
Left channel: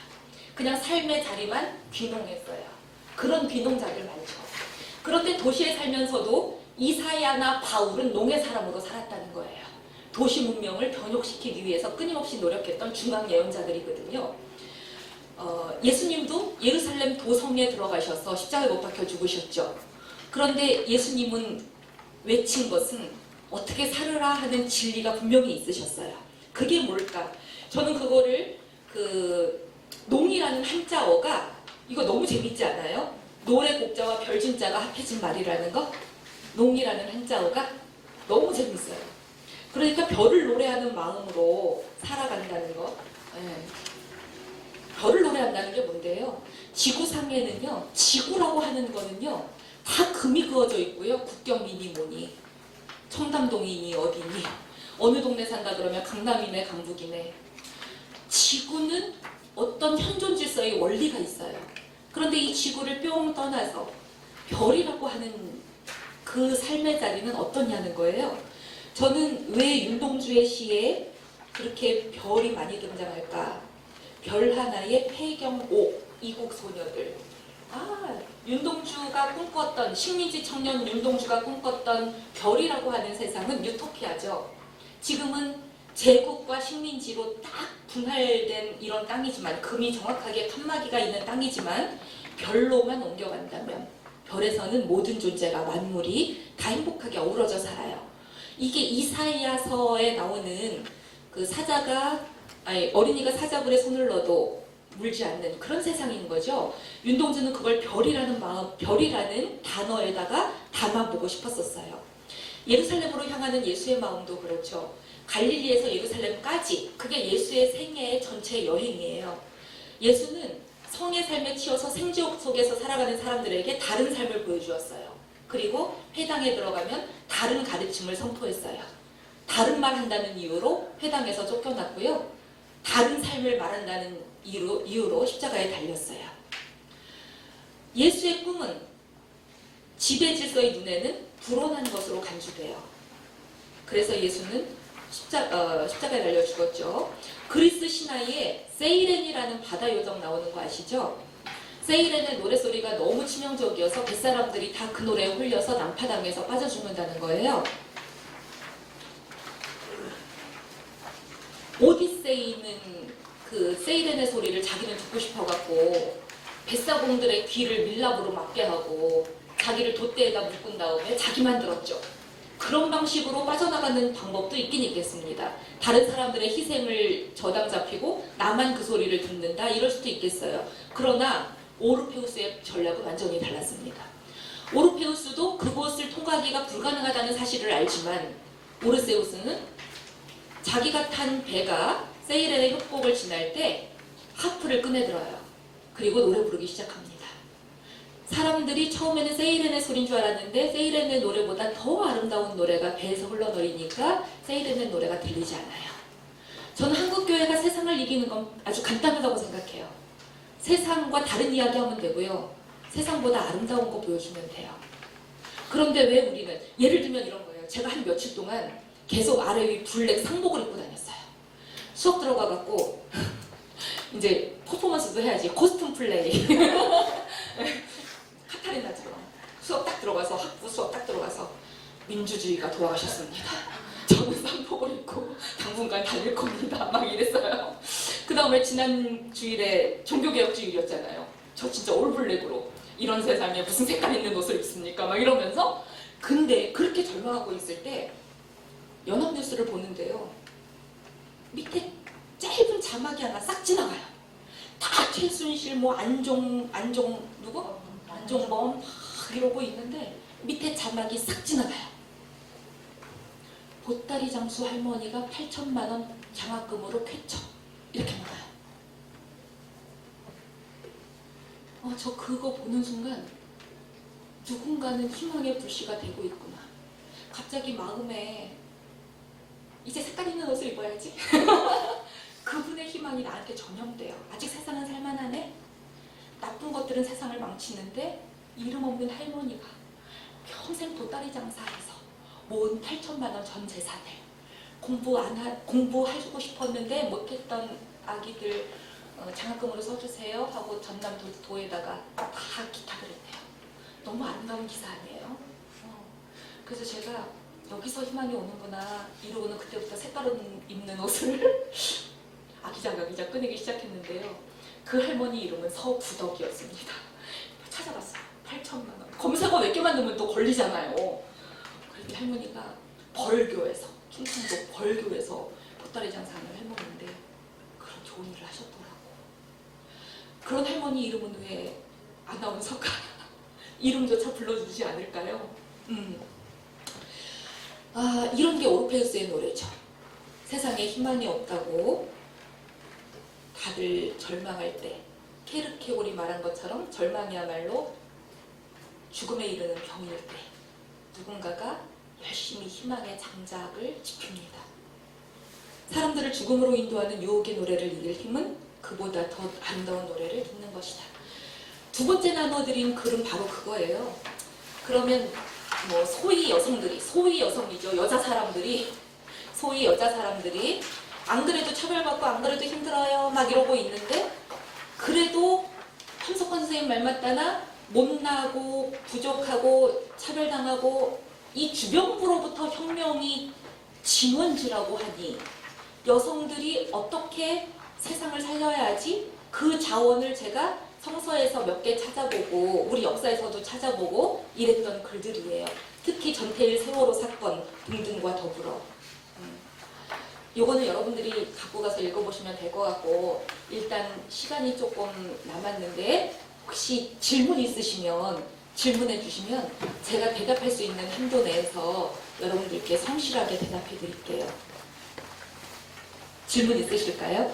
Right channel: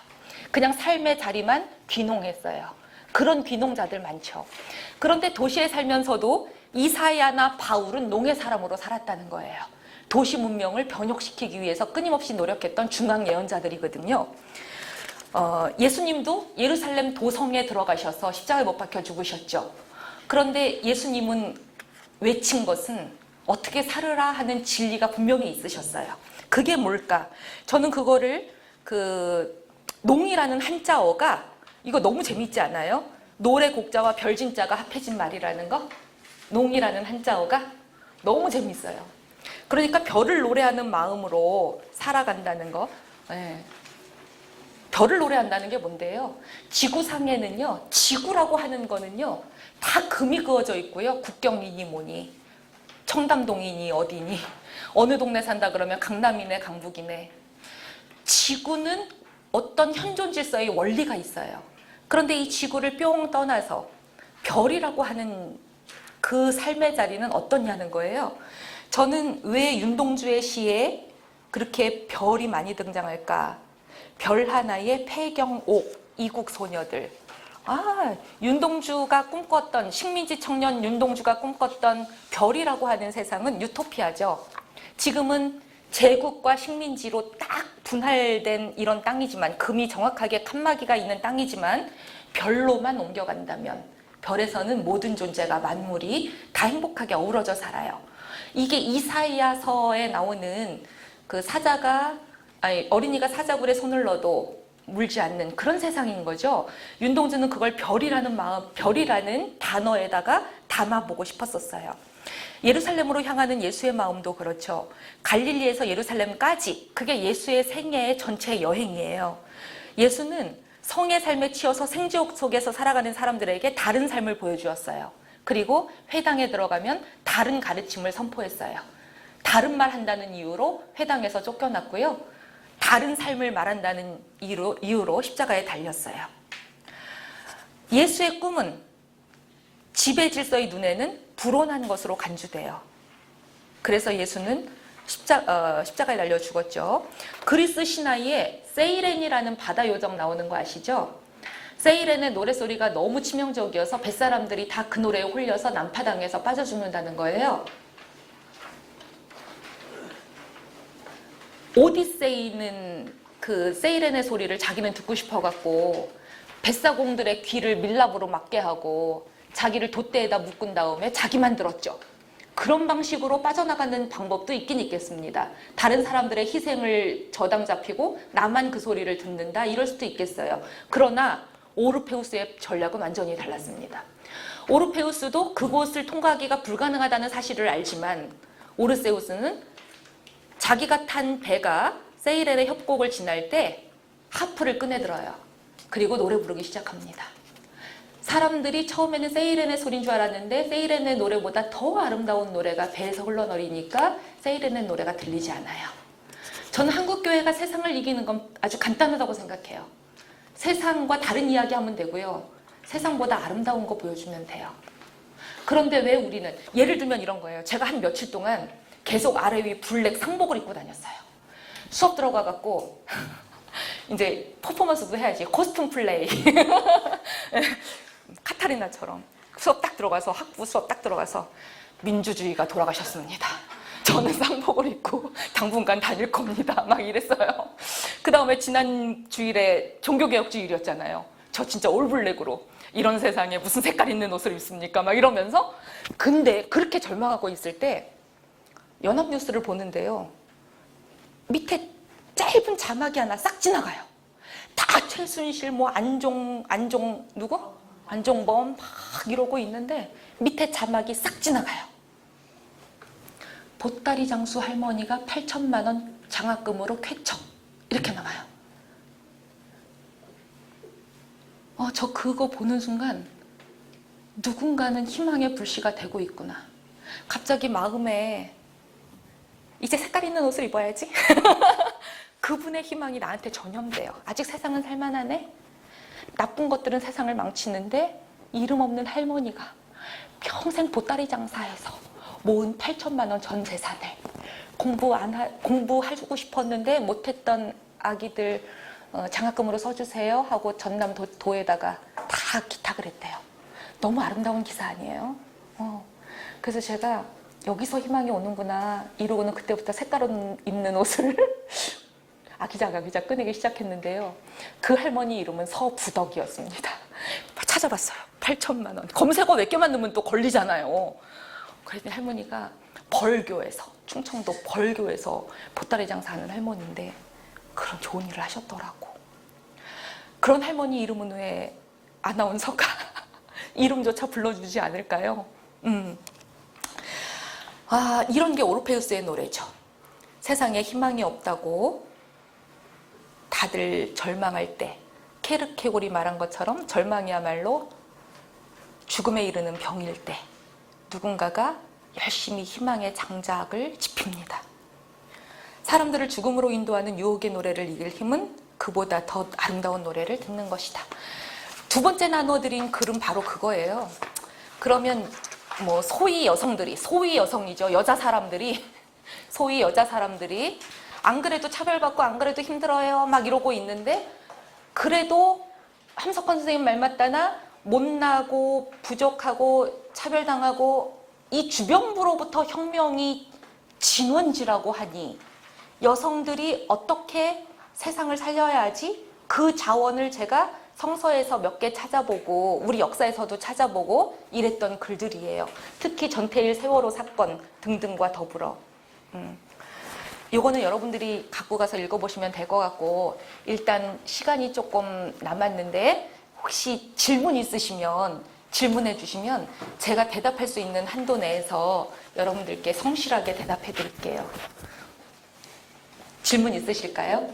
그냥 삶의 자리만 귀농했어요. 그런 귀농자들 많죠. 그런데 도시에 살면서도 이사야나 바울은 농의 사람으로 살았다는 거예요. 도시 문명을 변혁시키기 위해서 끊임없이 노력했던 중앙 예언자들이거든요. 예수님도 예루살렘 도성에 들어가셔서 십자가에 못 박혀 죽으셨죠. 그런데 예수님은 외친 것은 어떻게 살으라 하는 진리가 분명히 있으셨어요. 그게 뭘까? 저는 그거를 농이라는 한자어가 이거 너무 재밌지 않아요? 노래 곡자와 별진자가 합해진 말이라는 거? 농이라는 한자어가 너무 재밌어요. 그러니까 별을 노래하는 마음으로 살아간다는 거. 네. 별을 노래한다는 게 뭔데요? 지구상에는요, 지구라고 하는 거는요, 다 금이 그어져 있고요. 국경이니 뭐니, 청담동이니 어디니, 어느 동네 산다 그러면 강남이네 강북이네. 지구는 어떤 현존 질서의 원리가 있어요. 그런데 이 지구를 뿅 떠나서 별이라고 하는 그 삶의 자리는 어떠냐는 거예요. 저는 왜 윤동주의 시에 그렇게 별이 많이 등장할까? 별 하나의 폐경옥, 이국 소녀들. 윤동주가 꿈꿨던, 식민지 청년 윤동주가 꿈꿨던 별이라고 하는 세상은 유토피아죠. 지금은 제국과 식민지로 딱 분할된 이런 땅이지만, 금이 정확하게 칸막이가 있는 땅이지만 별로만 옮겨간다면 별에서는 모든 존재가 만물이 다 행복하게 어우러져 살아요. 이게 이사야서에 나오는 그 어린이가 사자굴에 손을 넣어도 물지 않는 그런 세상인 거죠. 윤동주는 그걸 별이라는 단어에다가 담아보고 싶었었어요. 예루살렘으로 향하는 예수의 마음도 그렇죠. 갈릴리에서 예루살렘까지 그게 예수의 생애의 전체 여행이에요. 예수는 성의 삶에 치여서 생지옥 속에서 살아가는 사람들에게 다른 삶을 보여주었어요. 그리고 회당에 들어가면 다른 가르침을 선포했어요. 다른 말 한다는 이유로 회당에서 쫓겨났고요. 다른 삶을 말한다는 이유로 십자가에 달렸어요. 예수의 꿈은 지배 질서의 눈에는 불온한 것으로 간주돼요. 그래서 예수는 십자가에 달려 죽었죠. 그리스 시나이에 세이렌이라는 바다 요정 나오는 거 아시죠? 세이렌의 노래소리가 너무 치명적이어서 뱃사람들이 다 그 노래에 홀려서 난파당해서 빠져 죽는다는 거예요. 오디세이는 그 세이렌의 소리를 자기는 듣고 싶어갖고 뱃사공들의 귀를 밀랍으로 막게 하고 자기를 돛대에다 묶은 다음에 자기만 들었죠. 그런 방식으로 빠져나가는 방법도 있긴 있겠습니다. 다른 사람들의 희생을 저당 잡히고 나만 그 소리를 듣는다 이럴 수도 있겠어요. 그러나 오르페우스의 전략은 완전히 달랐습니다. 오르페우스도 그곳을 통과하기가 불가능하다는 사실을 알지만 오르세우스는 자기가 탄 배가 세이렌의 협곡을 지날 때 하프를 꺼내들어요. 그리고 노래 부르기 시작합니다. 사람들이 처음에는 세이렌의 소리인 줄 알았는데 세이렌의 노래보다 더 아름다운 노래가 배에서 흘러내리니까 세이렌의 노래가 들리지 않아요. 저는 한국교회가 세상을 이기는 건 아주 간단하다고 생각해요. 세상과 다른 이야기 하면 되고요. 세상보다 아름다운 거 보여주면 돼요. 그런데 왜 우리는 예를 들면 이런 거예요. 제가 한 며칠 동안 계속 아래 위 블랙 상복을 입고 다녔어요. 수업 들어가갖고 이제 퍼포먼스도 해야지. 코스튬 플레이. 카타리나처럼 수업 딱 들어가서 학부 수업 딱 들어가서 민주주의가 돌아가셨습니다. 저는 쌍복을 입고 당분간 다닐 겁니다. 막 이랬어요. 그 다음에 지난 주일에 종교개혁주일이었잖아요. 저 진짜 올블랙으로 이런 세상에 무슨 색깔 있는 옷을 입습니까? 막 이러면서. 근데 그렇게 절망하고 있을 때 연합뉴스를 보는데요. 밑에 짧은 자막이 하나 싹 지나가요. 다 최순실 뭐 누구? 안종범 막 이러고 있는데 밑에 자막이 싹 지나가요. 보따리 장수 할머니가 8천만 원 장학금으로 쾌척 이렇게 나와요. 저 그거 보는 순간 누군가는 희망의 불씨가 되고 있구나. 갑자기 마음에 이제 색깔 있는 옷을 입어야지. 그분의 희망이 나한테 전염돼요. 아직 세상은 살만하네. 나쁜 것들은 세상을 망치는데 이름 없는 할머니가 평생 보따리 장사해서 모은 8천만 원 전 재산을 공부하고 싶었는데 못했던 아기들 장학금으로 써주세요 하고 전남 도에다가 다 기탁을 했대요. 너무 아름다운 기사 아니에요? 그래서 제가 여기서 희망이 오는구나 이러고는 그때부터 색깔 있는 옷을 아기작 꺼내기 시작했는데요. 그 할머니 이름은 서부덕이었습니다. 찾아봤어요. 8천만 원. 검색어 몇 개만 넣으면 또 걸리잖아요. 그랬더니 할머니가 벌교에서, 충청도 벌교에서 보따리 장사하는 할머니인데 그런 좋은 일을 하셨더라고. 그런 할머니 이름은 왜 아나운서가 이름조차 불러주지 않을까요? 이런 게 오르페우스의 노래죠. 세상에 희망이 없다고 다들 절망할 때 케르케고리 말한 것처럼 절망이야말로 죽음에 이르는 병일 때 누군가가 열심히 희망의 장작을 지핍니다. 사람들을 죽음으로 인도하는 유혹의 노래를 이길 힘은 그보다 더 아름다운 노래를 듣는 것이다. 두 번째 나누어드린 글은 바로 그거예요. 그러면 뭐 소위 여성이죠. 소위 여자 사람들이 안 그래도 차별받고 안 그래도 힘들어요 막 이러고 있는데 그래도 함석헌 선생님 말 맞다나 못나고 부족하고 차별당하고 이 주변부로부터 혁명이 진원지라고 하니 여성들이 어떻게 세상을 살려야지 그 자원을 제가 성서에서 몇 개 찾아보고 우리 역사에서도 찾아보고 이랬던 글들이에요. 특히 전태일 세월호 사건 등등과 더불어. 요거는 여러분들이 갖고 가서 읽어보시면 될 것 같고 일단 시간이 조금 남았는데 혹시 질문 있으시면 질문해 주시면 제가 대답할 수 있는 한도 내에서 여러분들께 성실하게 대답해 드릴게요. 질문 있으실까요?